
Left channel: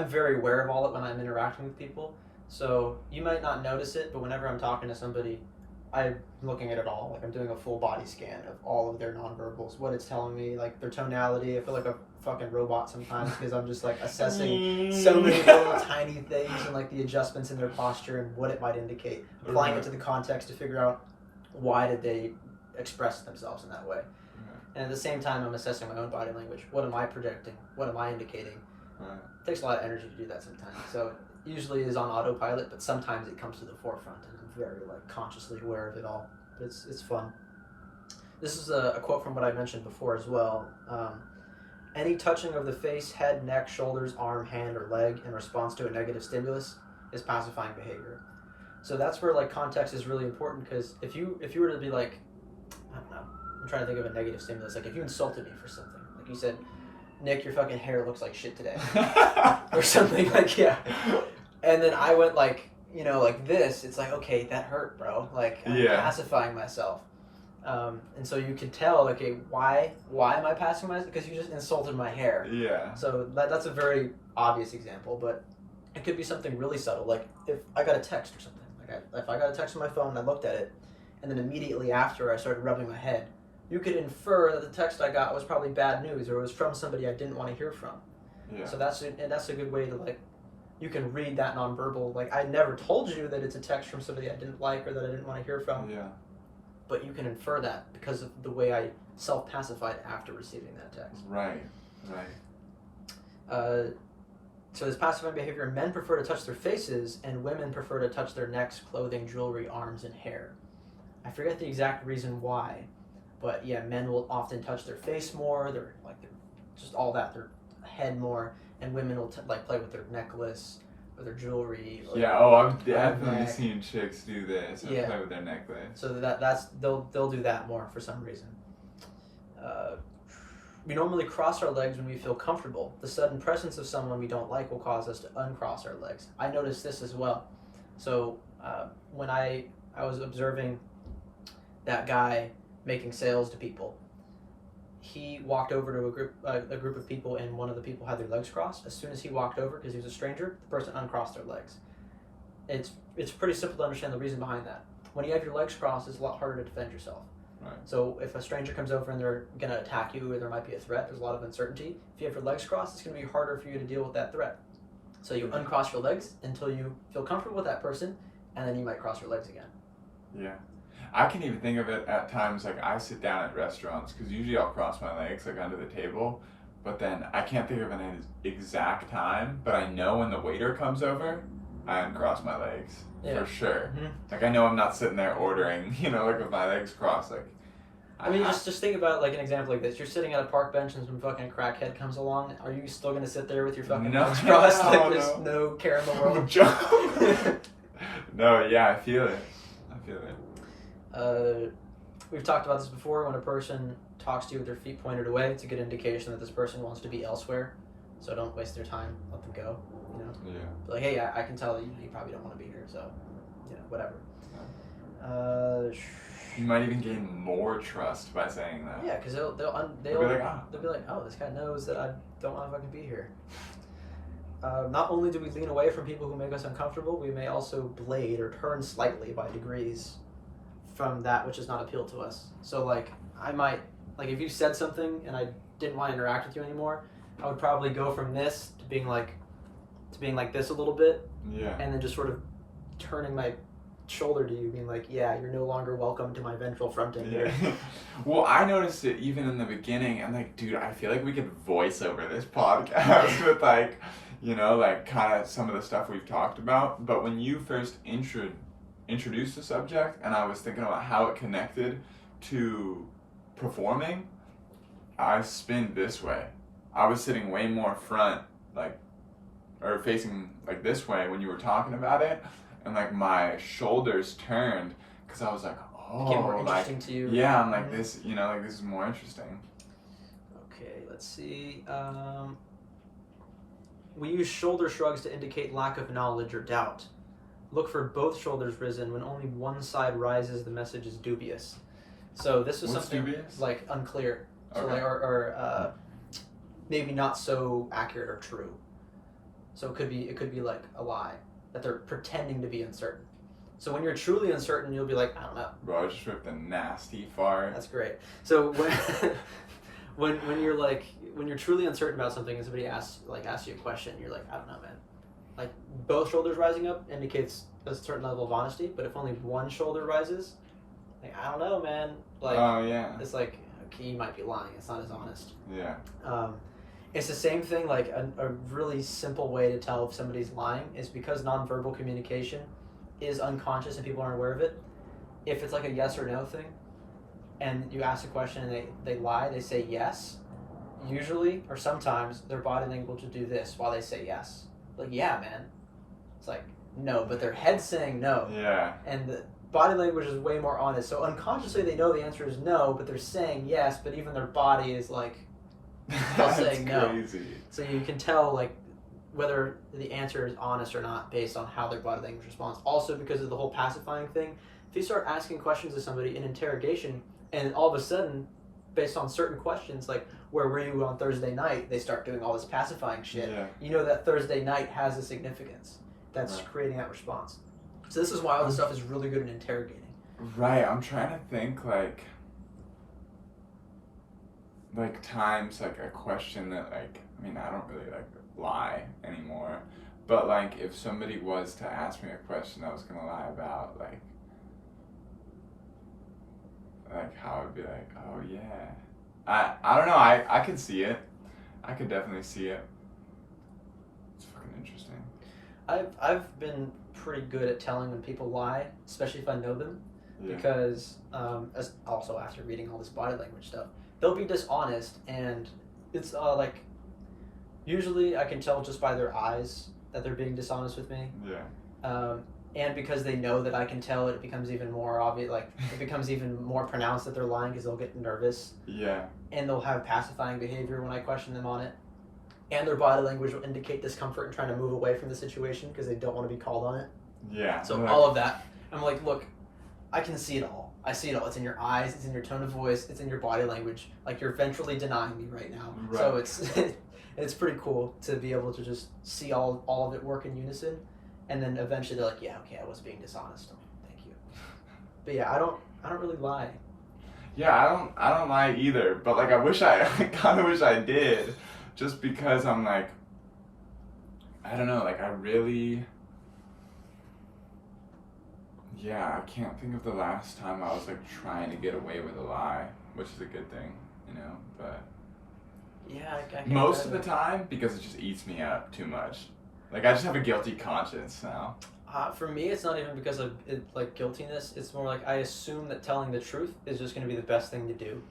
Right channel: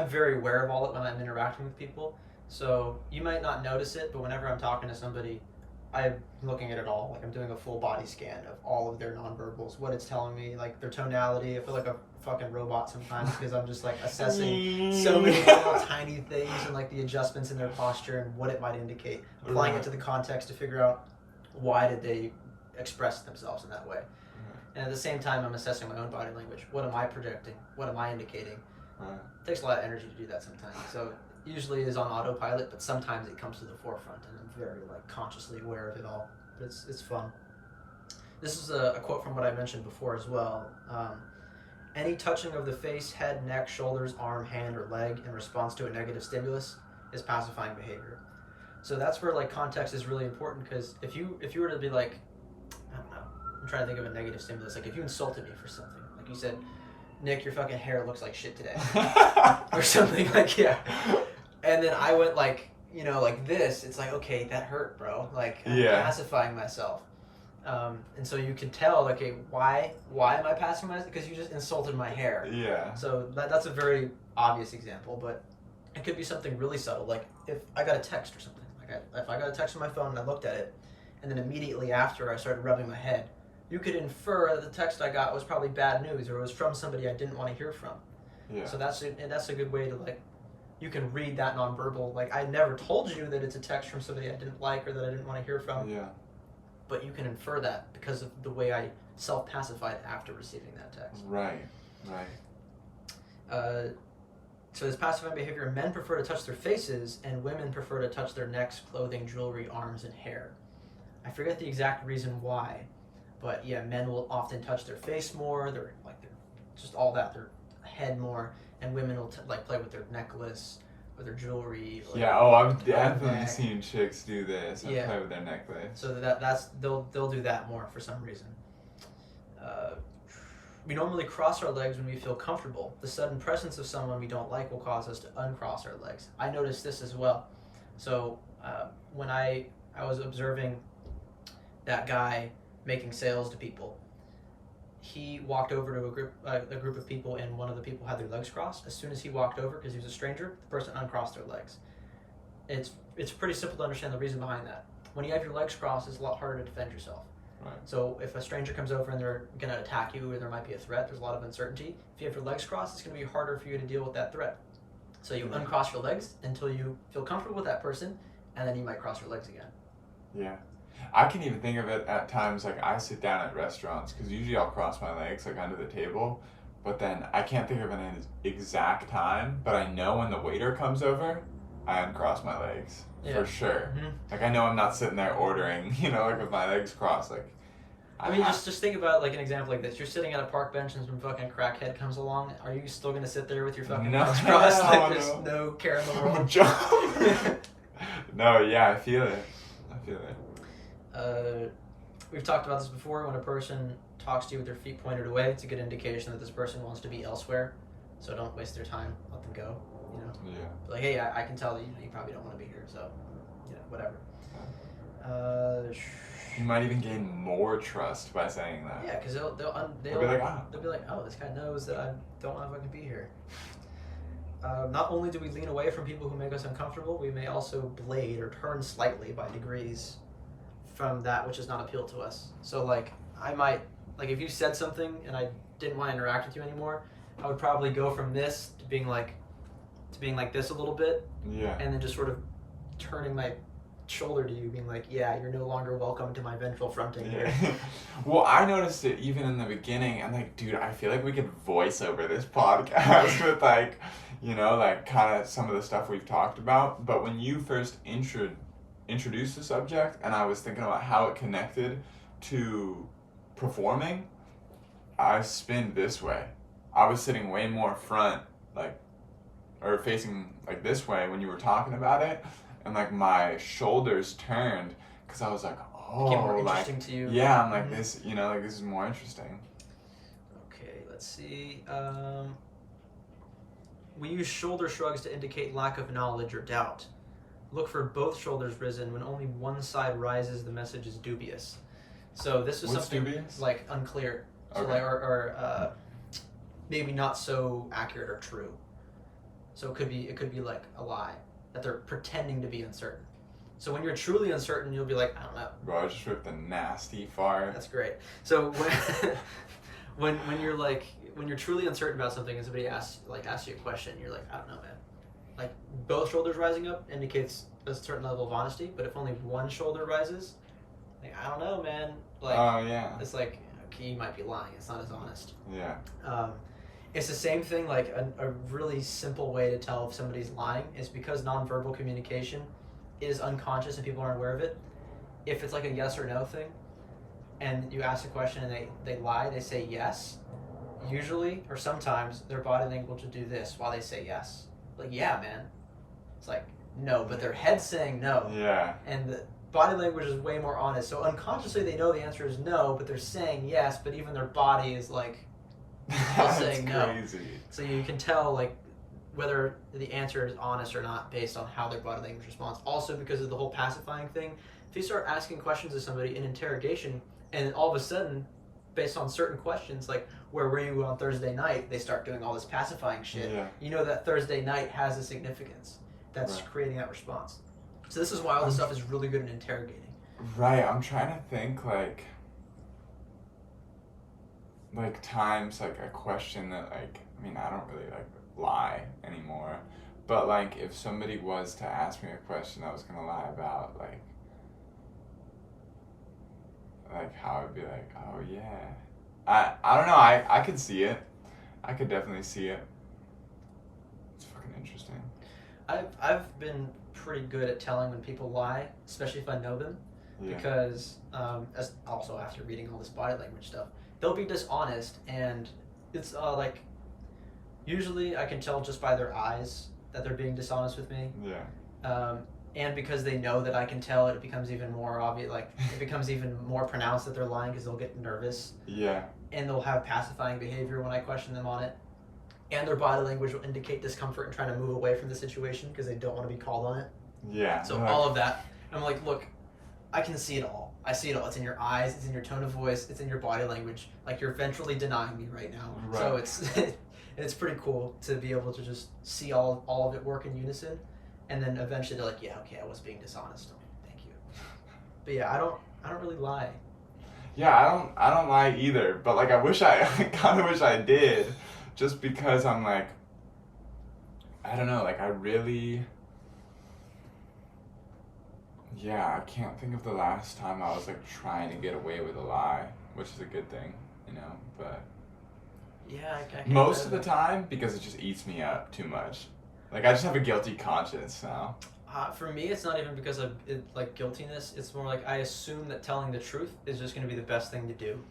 very aware of all it when I'm interacting with people. So you might not notice it, but whenever I'm talking to somebody, I'm looking at it all. Like I'm doing a full body scan of all of their nonverbals, what it's telling me, like their tonality. I feel like a fucking robot sometimes because I'm just like assessing so many little tiny things and like the adjustments in their posture and what it might indicate, applying it to the context to figure out why did they express themselves in that way. And at the same time, I'm assessing my own body language. What am I projecting? What am I indicating? It takes a lot of energy to do that sometimes. So it usually is on autopilot, but sometimes it comes to the forefront, and I'm very like consciously aware of it all. It's fun. This is a quote from what I mentioned before as well. Any touching of the face, head, neck, shoulders, arm, hand, or leg in response to a negative stimulus is pacifying behavior. So that's where like context is really important, because if you were to be like, I don't know, I'm trying to think of a negative stimulus. Like if you insulted me for something, like you said, Nick, your fucking hair looks like shit today, or something like, yeah. And then I went like, you know, like this. It's like, okay, that hurt, bro. Like I'm pacifying myself. And so you can tell, okay, why am I pacifying myself? Because you just insulted my hair. Yeah. So that's a very obvious example, but it could be something really subtle. Like if I got a text or something. Like if I got a text on my phone and I looked at it, and then immediately after I started rubbing my head, you could infer that the text I got was probably bad news or it was from somebody I didn't want to hear from. Yeah. So that's a good way to like, you can read that nonverbal. Like I never told you that it's a text from somebody I didn't like or that I didn't want to hear from. Yeah. But you can infer that because of the way I self-pacified after receiving that text. Right. So this pacifying behavior, men prefer to touch their faces and women prefer to touch their necks, clothing, jewelry, arms, and hair. I forget the exact reason why, but yeah, men will often touch their face more, they're just all that, their head more, and women will play with their necklace or their jewelry. Or I've definitely seen chicks do this and play with their necklace. So they'll do that more for some reason. We normally cross our legs when we feel comfortable. The sudden presence of someone we don't like will cause us to uncross our legs. I noticed this as well. So when I was observing that guy making sales to people, he walked over to a group of people, and one of the people had their legs crossed. As soon as he walked over, because he was a stranger, the person uncrossed their legs. It's pretty simple to understand the reason behind that. When you have your legs crossed, it's a lot harder to defend yourself. Right. So if a stranger comes over and they're going to attack you or there might be a threat, there's a lot of uncertainty. If you have your legs crossed, it's going to be harder for you to deal with that threat. So you uncross your legs until you feel comfortable with that person, and then you might cross your legs again. Yeah. I can even think of it at times, like I sit down at restaurants, because usually I'll cross my legs like under the table, but then I can't think of an exact time, but I know when the waiter comes over, I uncross my legs. Yeah. For sure. Mm-hmm. Like I know I'm not sitting there ordering, like with my legs crossed. Like, I mean, just think about like an example like this. You're sitting at a park bench and some fucking crackhead comes along. Are you still gonna sit there with your fucking legs crossed? There's no care in the world. No, yeah, I feel it. We've talked about this before. When a person talks to you with their feet pointed away, it's a good indication that this person wants to be elsewhere. So don't waste their time. Let them go. Yeah. Like, hey, I can tell you probably don't want to be here. So, whatever. Yeah. You might even gain more trust by saying that. Yeah, because they'll be like, oh, this guy knows that I don't want to fucking be here. Not only do we lean away from people who make us uncomfortable, we may also blade or turn slightly by degrees from that which does not appeal to us. So I might, if you said something and I didn't want to interact with you anymore, I would probably go from this to being like this a little bit. Yeah. And then just sort of turning my shoulder to you, being like, yeah, you're no longer welcome to my ventral fronting here. Well, I noticed it even in the beginning, and dude, I feel like we could voice over this podcast with kind of some of the stuff we've talked about. But when you first introduced the subject, and I was thinking about how it connected to performing, I spinned this way. I was sitting way more front, or facing this way when you were talking about it. And my shoulders turned because I was like, oh, became more interesting to you. Yeah, I'm like this, this is more interesting. Okay, let's see. We use shoulder shrugs to indicate lack of knowledge or doubt. Look for both shoulders risen. When only one side rises, the message is dubious. So this is What's something dubious? Unclear. Okay. So or maybe not so accurate or true. So it could be a lie, that they're pretending to be uncertain. So when you're truly uncertain, you'll be like, I don't know. Bro, I just ripped a nasty fart. That's great. So when you're truly uncertain about something and somebody asks you a question, you're like, I don't know, man. Both shoulders rising up indicates a certain level of honesty, but if only one shoulder rises, I don't know, man. Oh yeah. It's okay, you might be lying. It's not as honest. Yeah. It's the same thing, a really simple way to tell if somebody's lying is because nonverbal communication is unconscious and people aren't aware of it. If it's a yes or no thing, and you ask a question and they lie, they say yes, usually, or sometimes, their body language will do this while they say yes. Yeah, man. It's no, but their head's saying no. Yeah. And the body language is way more honest. So unconsciously they know the answer is no, but they're saying yes, but even their body is saying no. Crazy. So you can tell whether the answer is honest or not based on how their body language responds. Also because of the whole pacifying thing, if you start asking questions to somebody in interrogation and all of a sudden, based on certain questions where were you on Thursday night, they start doing all this pacifying shit. Yeah. You know that Thursday night has a significance that's creating that response. So this is why all this stuff is really good in interrogating. Right, I'm trying to think like times like a question that like I mean I don't really like lie anymore, but like if somebody was to ask me a question I was gonna lie about like how I'd be like, oh yeah, I don't know, I could see it, I could definitely see it. It's fucking interesting. I've been pretty good at telling when people lie, especially if I know them, Yeah. because as also after reading all this body language stuff, they'll be dishonest, and it's like usually I can tell just by their eyes that they're being dishonest with me. Yeah. And because they know that I can tell, it becomes even more obvious. Like it becomes even more pronounced that they're lying because they'll get nervous. Yeah. And they'll have pacifying behavior when I question them on it. And their body language will indicate discomfort and trying to move away from the situation because they don't want to be called on it. Yeah. So like, all of that, I'm like, look, I can see it all. I see it all. It's in your eyes. It's in your tone of voice. It's in your body language. Like you're ventrally denying me right now. Right. So it's pretty cool to be able to just see all of it work in unison. And then eventually they're like, yeah, okay, I was being dishonest. I'm like, thank you. But yeah, I don't really lie. Yeah, I don't lie either, but like I kind of wish I did, just because I'm like, I don't know, like I really, yeah, I can't think of the last time I was like trying to get away with a lie, which is a good thing, you know, but Yeah, I can most of the imagine. time because it just eats me up too much. Like I just have a guilty conscience now. For me, it's not even because of like guiltiness. It's more like I assume that telling the truth is just going to be the best thing to do.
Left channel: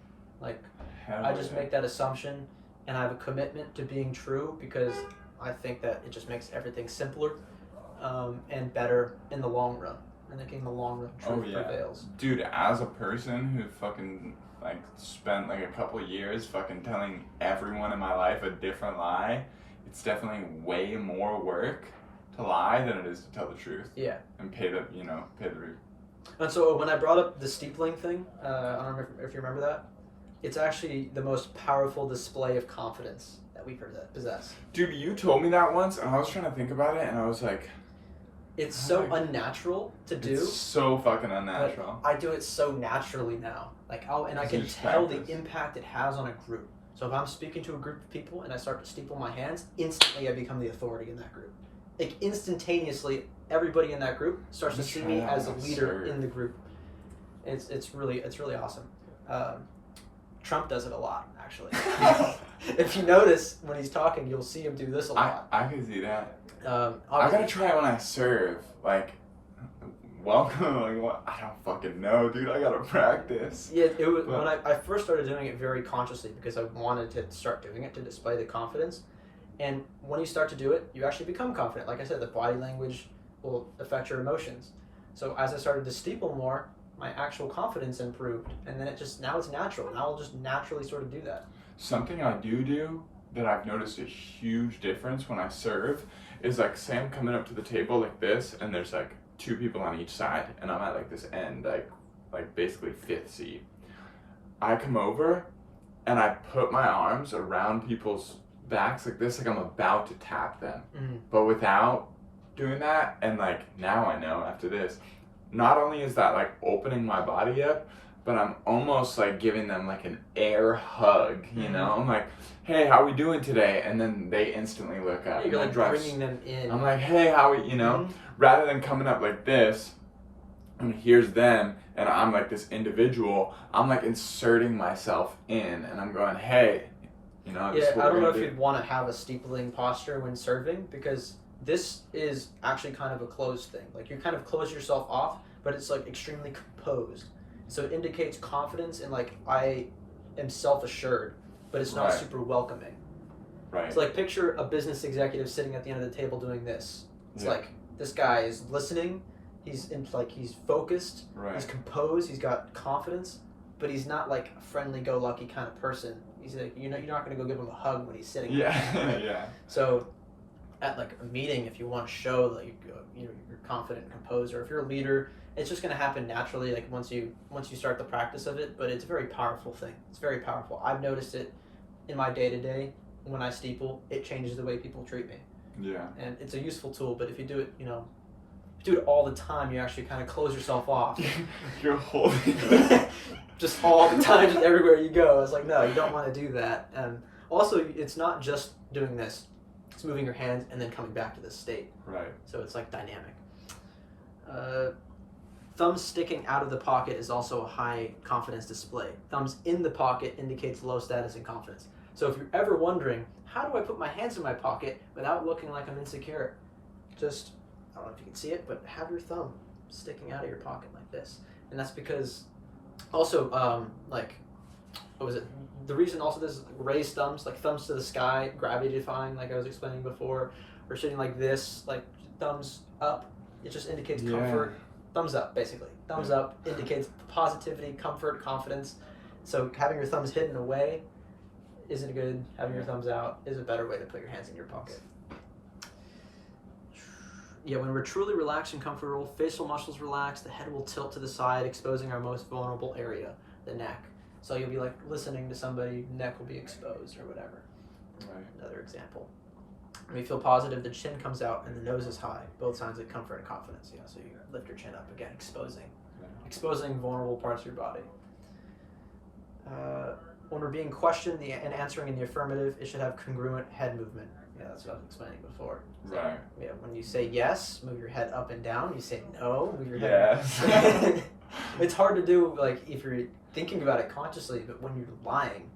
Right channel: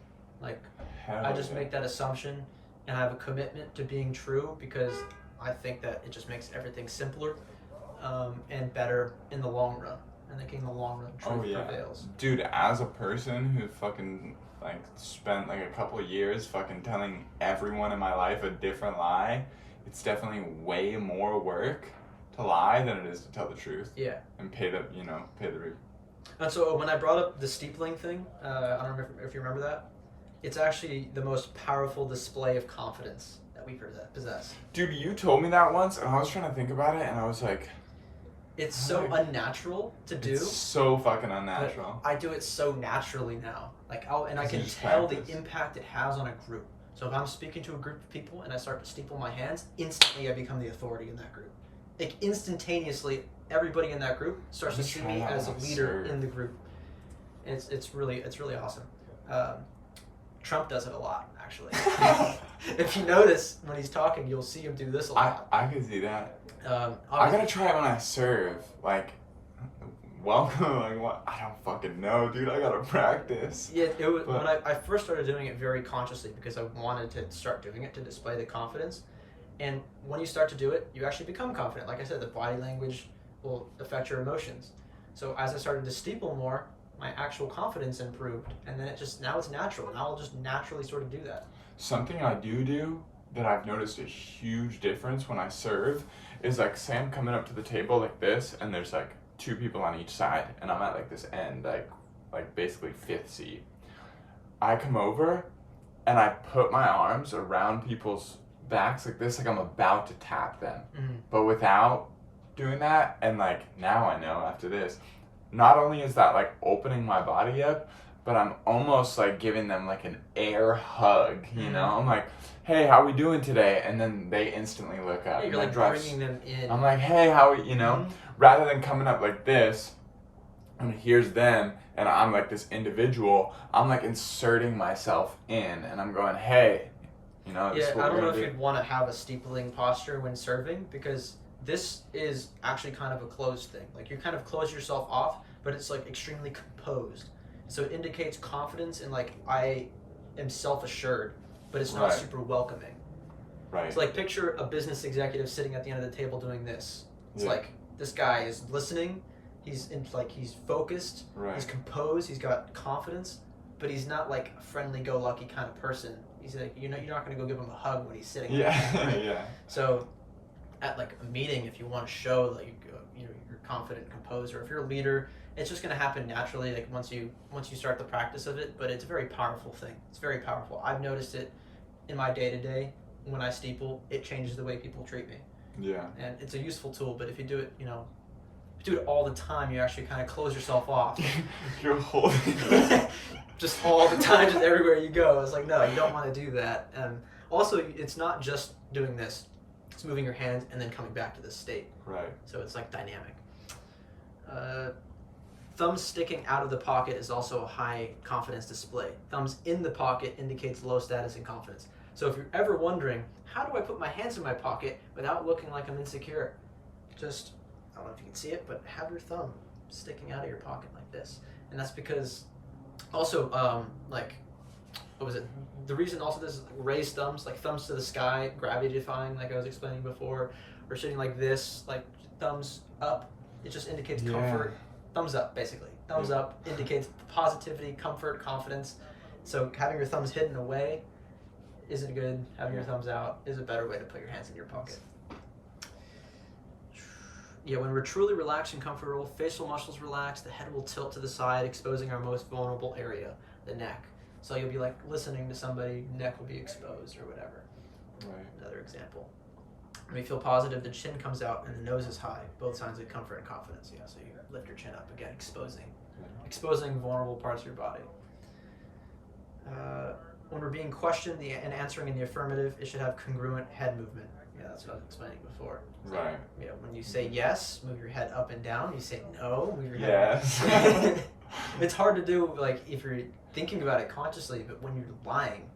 Like Hell I just yeah. make that assumption, and I have a commitment to being true because I think that it just makes everything simpler and better in the long run. And thinking in the long run, truth prevails. Dude, as a person who fucking like spent like a couple years fucking telling everyone in my life a different lie, it's definitely way more work to lie than it is to tell the truth. Yeah. And pay the rent. And so when I brought up the steepling thing, I don't know if you remember that. It's actually the most powerful display of confidence that we possess. Dude, you told me that once and I was trying to think about it and I was like, It's so unnatural to do. it's so fucking unnatural. But I do it so naturally now. Like I You can just tell practice. the impact it has on a group. So if I'm speaking to a group of people and I start to steeple my hands, instantly I become the authority in that group. Like instantaneously, everybody in that group starts to see me as a leader in the group. It's really awesome. Trump does it a lot, actually. If you notice when he's talking, you'll see him do this a lot. I can see that. I Obviously- gotta try it when I serve. Like, welcome. Like, what? I don't fucking know, dude. I gotta practice. Yeah, it was But- when I first started doing it very consciously because I wanted to start doing it to display the confidence. And when you start to do it, you actually become confident. Like I said, the body language will affect your emotions. So as I started to steeple more, my actual confidence improved, and then now it's natural. Now I'll just naturally sort of do that. Something I do that I've noticed a huge difference when I serve is like, say I'm coming up to the table like this, and there's like two people on each side, and I'm at like this end, like basically fifth seat. I come over, and I put my arms around people's backs like this, like I'm about to tap them, but without doing that. And like now I know after this, not only is that like opening my body up, but I'm almost like giving them like an air hug, you know? I'm like, hey, how we doing today? And then they instantly look up. Yeah, you're like bringing them in. I'm like, hey, how we, you know? Rather than coming up like this, and here's them, and I'm like this individual, I'm like inserting myself in, and I'm going, hey, you know, this Yeah, is what I don't we're know if gonna you'd want to have a steepling posture when serving because this is actually kind of a closed thing. Like you kind of close yourself off, but it's like extremely composed. So it indicates confidence and like I am self-assured, but it's not Right. super welcoming. Right. So like picture a business executive sitting at the end of the table doing this. It's Yeah. like this guy is listening, he's focused, Right. he's composed, he's got confidence, but he's not like a friendly-go-lucky kind of person. He's like, you're not going to go give him a hug when he's sitting there, Yeah, right? yeah. So at like a meeting, if you want to show that you're confident, composed, or if you're a leader, it's just going to happen naturally. Like once you start the practice of it, but it's a very powerful thing. It's very powerful. I've noticed it in my day-to-day when I steeple. It changes the way people treat me, Yeah. and it's a useful tool. But if you do it, if you do it all the time, you actually kind of close yourself off. You're holding. just all the time, just everywhere you go. It's like, no, you don't want to do that. And also, it's not just doing this. It's moving your hands and then coming back to this state. Right. So it's like dynamic. Thumbs sticking out of the pocket is also a high confidence display. Thumbs in the pocket indicates low status and confidence. So if you're ever wondering, how do I put my hands in my pocket without looking like I'm insecure? Just, I don't know if you can see it, but have your thumb sticking out of your pocket like this. And that's because also, what was it? The reason also this is raised thumbs, like thumbs to the sky, gravity defying, like I was explaining before, or sitting like this, like thumbs up, it just indicates comfort. Thumbs up, basically. Thumbs up indicates positivity, comfort, confidence. So having your thumbs hidden away isn't good. Having your thumbs out is a better way to put your hands in your pocket. Yeah, when we're truly relaxed and comfortable, facial muscles relax, the head will tilt to the side, exposing our most vulnerable area, the neck. So you'll be like listening to somebody, neck will be exposed or whatever. Right. Another example. When we feel positive, the chin comes out and the nose is high. Both signs of comfort and confidence. Yeah, so you lift your chin up again, exposing vulnerable parts of your body. When we're being questioned and answering in the affirmative, it should have congruent head movement. Yeah, that's what I was explaining before. Right. Yeah, when you say yes, move your head up and down. When you say no, move your head. Yes. It's hard to do, like, if you're thinking about it consciously, but when you're lying,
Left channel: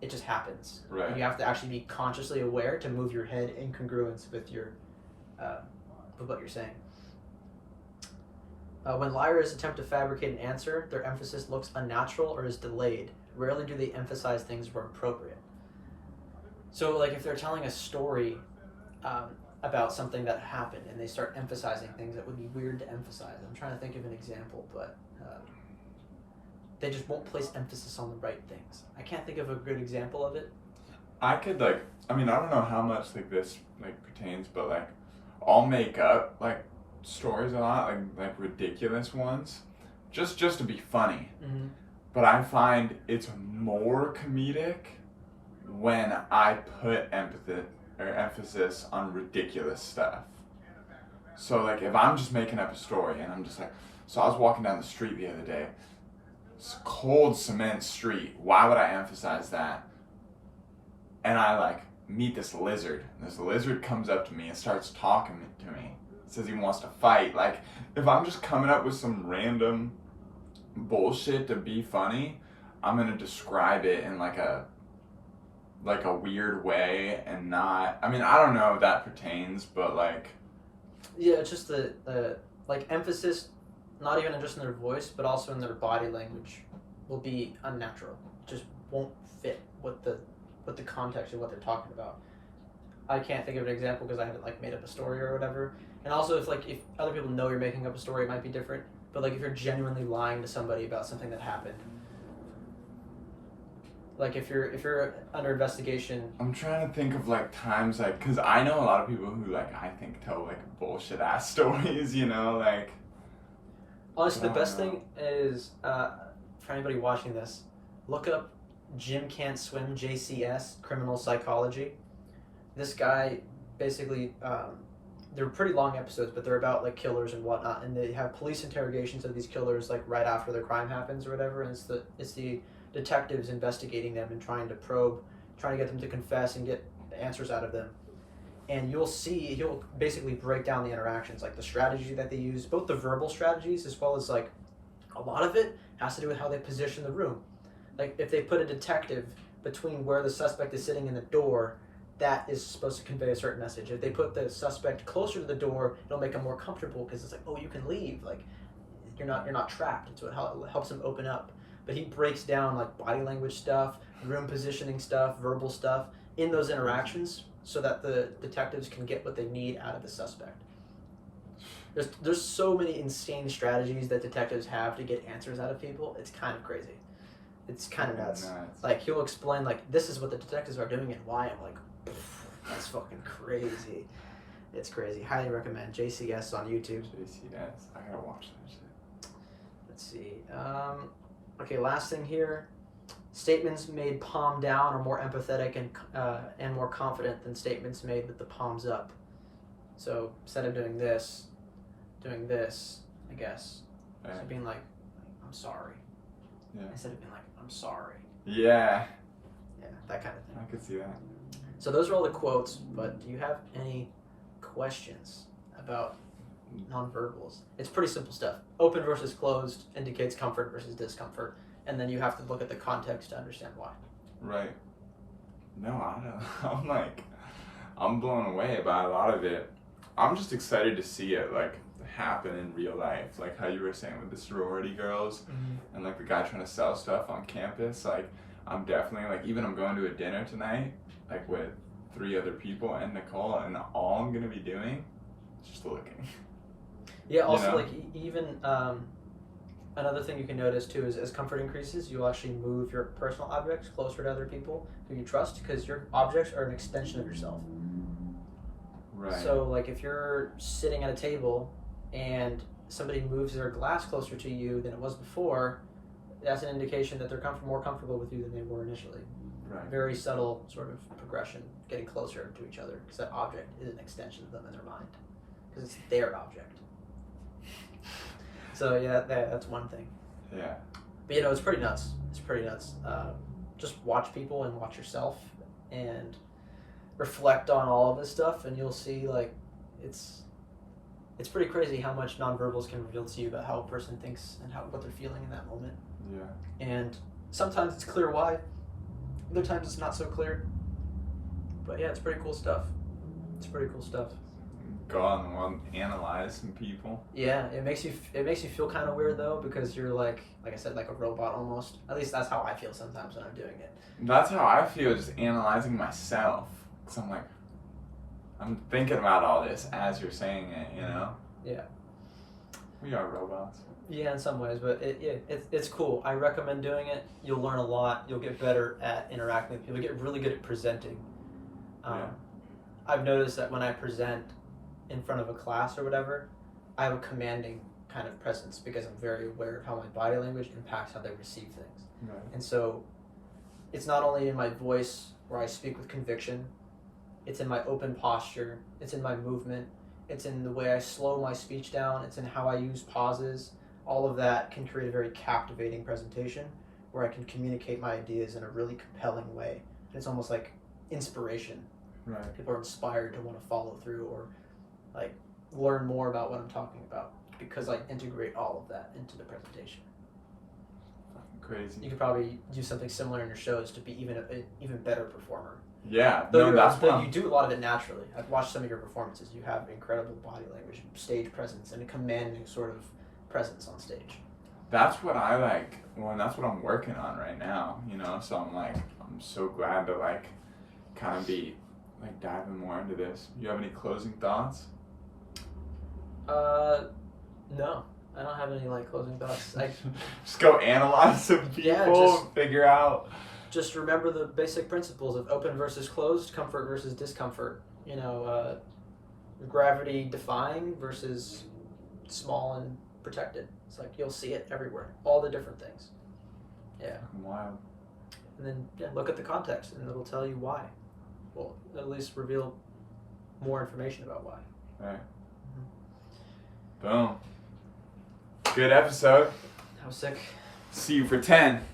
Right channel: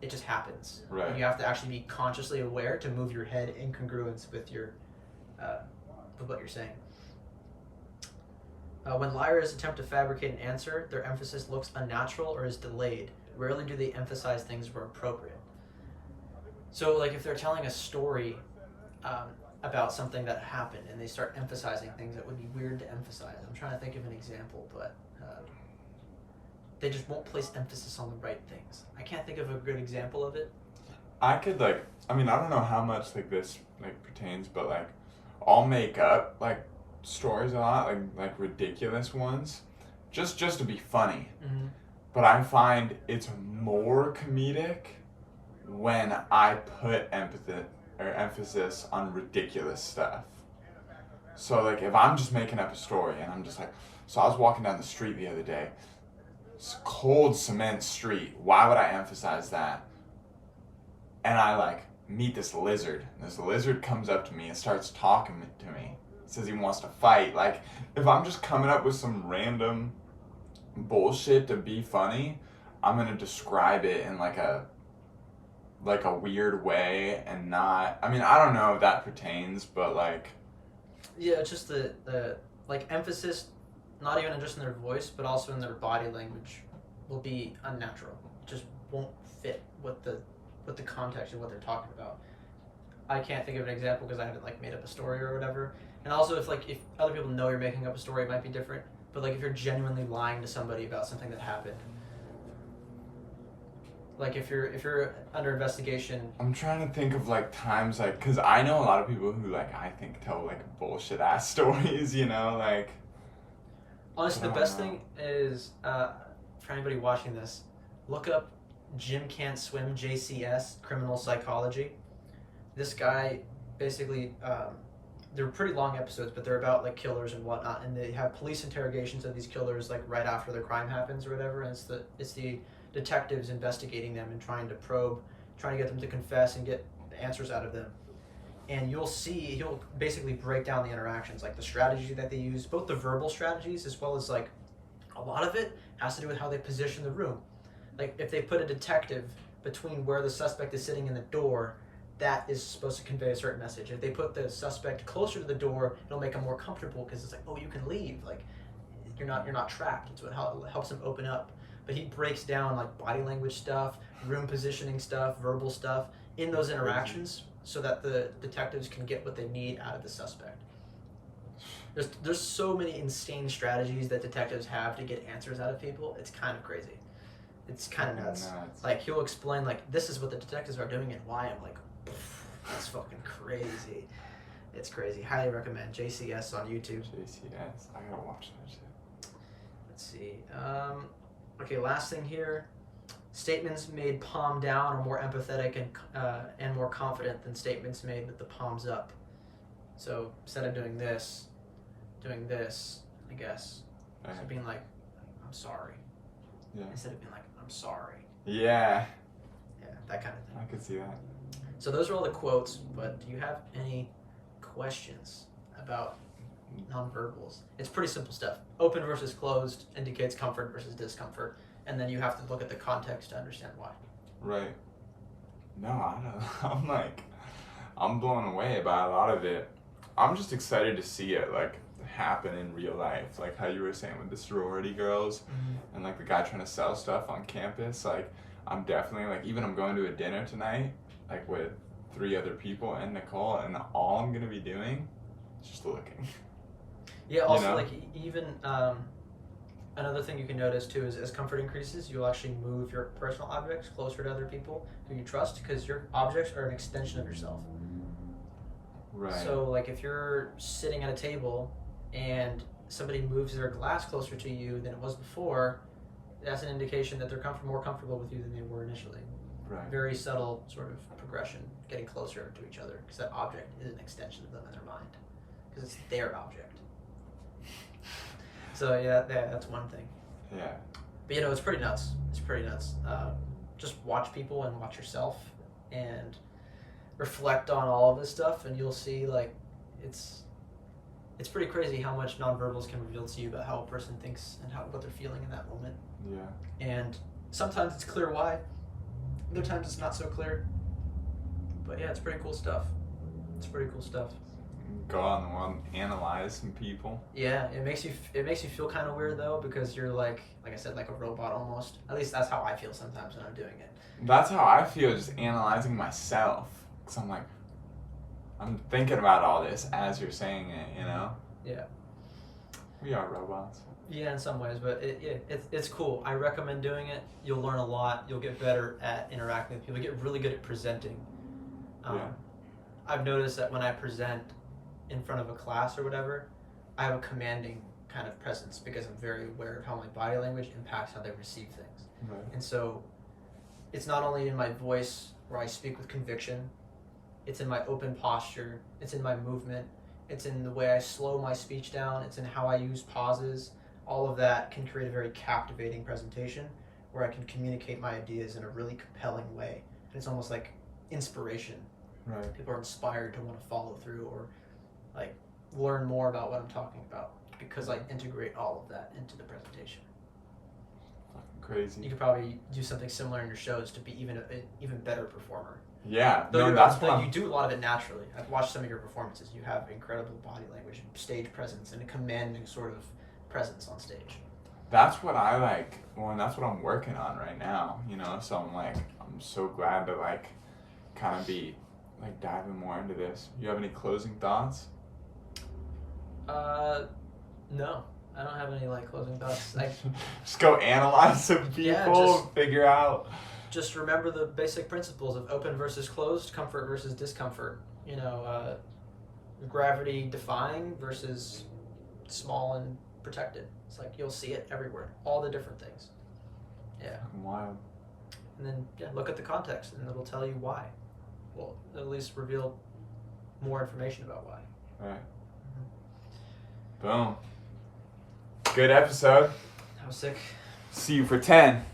it just happens. Right. You have to actually be consciously aware to move your head in congruence with your, with what you're saying. When liars attempt to fabricate an answer, their emphasis looks unnatural or is delayed. Rarely do they emphasize things where appropriate. So, like, if they're telling a story about something that happened and they start emphasizing things that would be weird to emphasize. I'm trying to think of an example, but they just won't place emphasis on the right things. I can't think of a good example of it. I could, like, I mean, I don't know how much, like, this, like, pertains, but, like, I'll make up, like, stories a lot, like ridiculous ones, just to be funny. Mm-hmm. But I find it's more comedic when I put emphasis on ridiculous stuff. So, like, if I'm just making up a story and I'm just like, so I was walking down the street the other day, it's a cold cement street, why would I emphasize that? And I, like, meet this lizard. This lizard comes up to me and starts talking to me. Says he wants to fight. Like, if I'm just coming up with some random bullshit to be funny, I'm gonna describe it in like a weird way and not, I mean, I don't know if that pertains, but like, yeah, it's just the like emphasis, not even just in their voice, but also in their body language, will be unnatural. It just won't fit with the context of what they're talking about. I can't think of an example because I haven't, like, made up a story or whatever. And also, if other people know you're making up a story, it might be different. But, like, if you're genuinely lying to somebody about something that happened, like, if you're under investigation. I'm trying to think of, like, times, like, because I know a lot of people who, like, I think tell, like, bullshit ass stories, you know, like. Honestly, the best thing is, for anybody watching this, look up Jim Can't Swim, JCS, Criminal Psychology. This guy, basically, they're pretty long episodes, but they're about, like, killers and whatnot, and they have police interrogations of these killers, like, right after the crime happens or whatever, and it's the detectives investigating them and trying to probe, trying to get them to confess and get the answers out of them. And you'll see, he'll basically break down the interactions, like the strategy that they use, both the verbal strategies as well as, like, a lot of it has to do with how they position the room. Like, if they put a detective between where the suspect is sitting in the door, that is supposed to convey a certain message. If they put the suspect closer to the door, it'll make them more comfortable because it's like, oh, you can leave. Like, you're not trapped. And so it helps them open up. But he breaks down, like, body language stuff, room positioning stuff, verbal stuff in those interactions so that the detectives can get what they need out of the suspect. There's so many insane strategies that detectives have to get answers out of people. It's kind of crazy. It's kind of nuts. Like, he'll explain, like, this is what the detectives are doing and why. I'm like, that's fucking crazy. It's crazy. Highly recommend. JCS on YouTube. JCS. I gotta watch that shit. Let's see. Okay, last thing here. Statements made palm down are more empathetic and more confident than statements made with the palms up. So instead of doing this, I guess. So being like, I'm sorry. Yeah. instead of being like, I'm sorry. Yeah. Yeah, that kind of thing. I could see that. So those are all the quotes, but do you have any questions about nonverbals? It's pretty simple stuff. Open versus closed indicates comfort versus discomfort, and then you have to look at the context to understand why. Right. No, I don't know. I'm blown away by a lot of it. I'm just excited to see it, like, happen in real life. Like how you were saying with the sorority girls and, like, the guy trying to sell stuff on campus. Like, I'm definitely, like, even I'm going to a dinner tonight, like, with 3 other people and Nicole, and all I'm going to be doing is just looking. Yeah, also, You know? like, even another thing you can notice, too, is as comfort increases, you'll actually move your personal objects closer to other people who you trust, because your objects are an extension of yourself. Right. So, like, if you're sitting at a table and somebody moves their glass closer to you than it was before, that's an indication that they're more comfortable with you than they were initially. Right. Very subtle sort of progression, getting closer to each other, because that object is an extension of them in their mind, because it's their object. So yeah, that's one thing. Yeah. But you know, it's pretty nuts. It's pretty nuts. Just watch people and watch yourself and reflect on all of this stuff, and you'll see, like, it's pretty crazy how much nonverbals can reveal to you about how a person thinks and what they're feeling in that moment. Yeah. And sometimes it's clear why. Other times it's not so clear. But yeah, it's pretty cool stuff. It's pretty cool stuff. Go out in the world and analyze some people. Yeah, it makes you feel kind of weird though, because you're like I said, like a robot almost. At least that's how I feel sometimes when I'm doing it. That's how I feel, just analyzing myself. Because I'm like, I'm thinking about all this as you're saying it, you know? Yeah. We are robots. Yeah, in some ways, but it's cool. I recommend doing it. You'll learn a lot. You'll get better at interacting with people. You get really good at presenting. Yeah. I've noticed that when I present in front of a class or whatever, I have a commanding kind of presence because I'm very aware of how my body language impacts how they receive things. Right. And so it's not only in my voice where I speak with conviction, it's in my open posture, it's in my movement, it's in the way I slow my speech down, it's in how I use pauses. All of that can create a very captivating presentation where I can communicate my ideas in a really compelling way. And it's almost like inspiration. Right. People are inspired to want to follow through or like learn more about what I'm talking about because I integrate all of that into the presentation. Crazy. You could probably do something similar in your shows to be even an even better performer. Yeah, Though no, that's but what you do a lot of it naturally. I've watched some of your performances. You have incredible body language, and stage presence, and a commanding sort of presence on stage. that's what I like. Well, and that's what I'm working on right now, you know? So I'm like, I'm so glad to like kind of be like diving more into this. You have any closing thoughts? No. I don't have any like closing thoughts. Like Just go analyze some people Yeah, just- and figure out. just remember the basic principles of open versus closed, comfort versus discomfort. You know, gravity defying versus small and protected. It's like you'll see it everywhere, all the different things. Yeah, Wild. and then look at the context, and it'll tell you why. Well, at least reveal more information about why. Right. Boom. Good episode. How sick. See you for 10.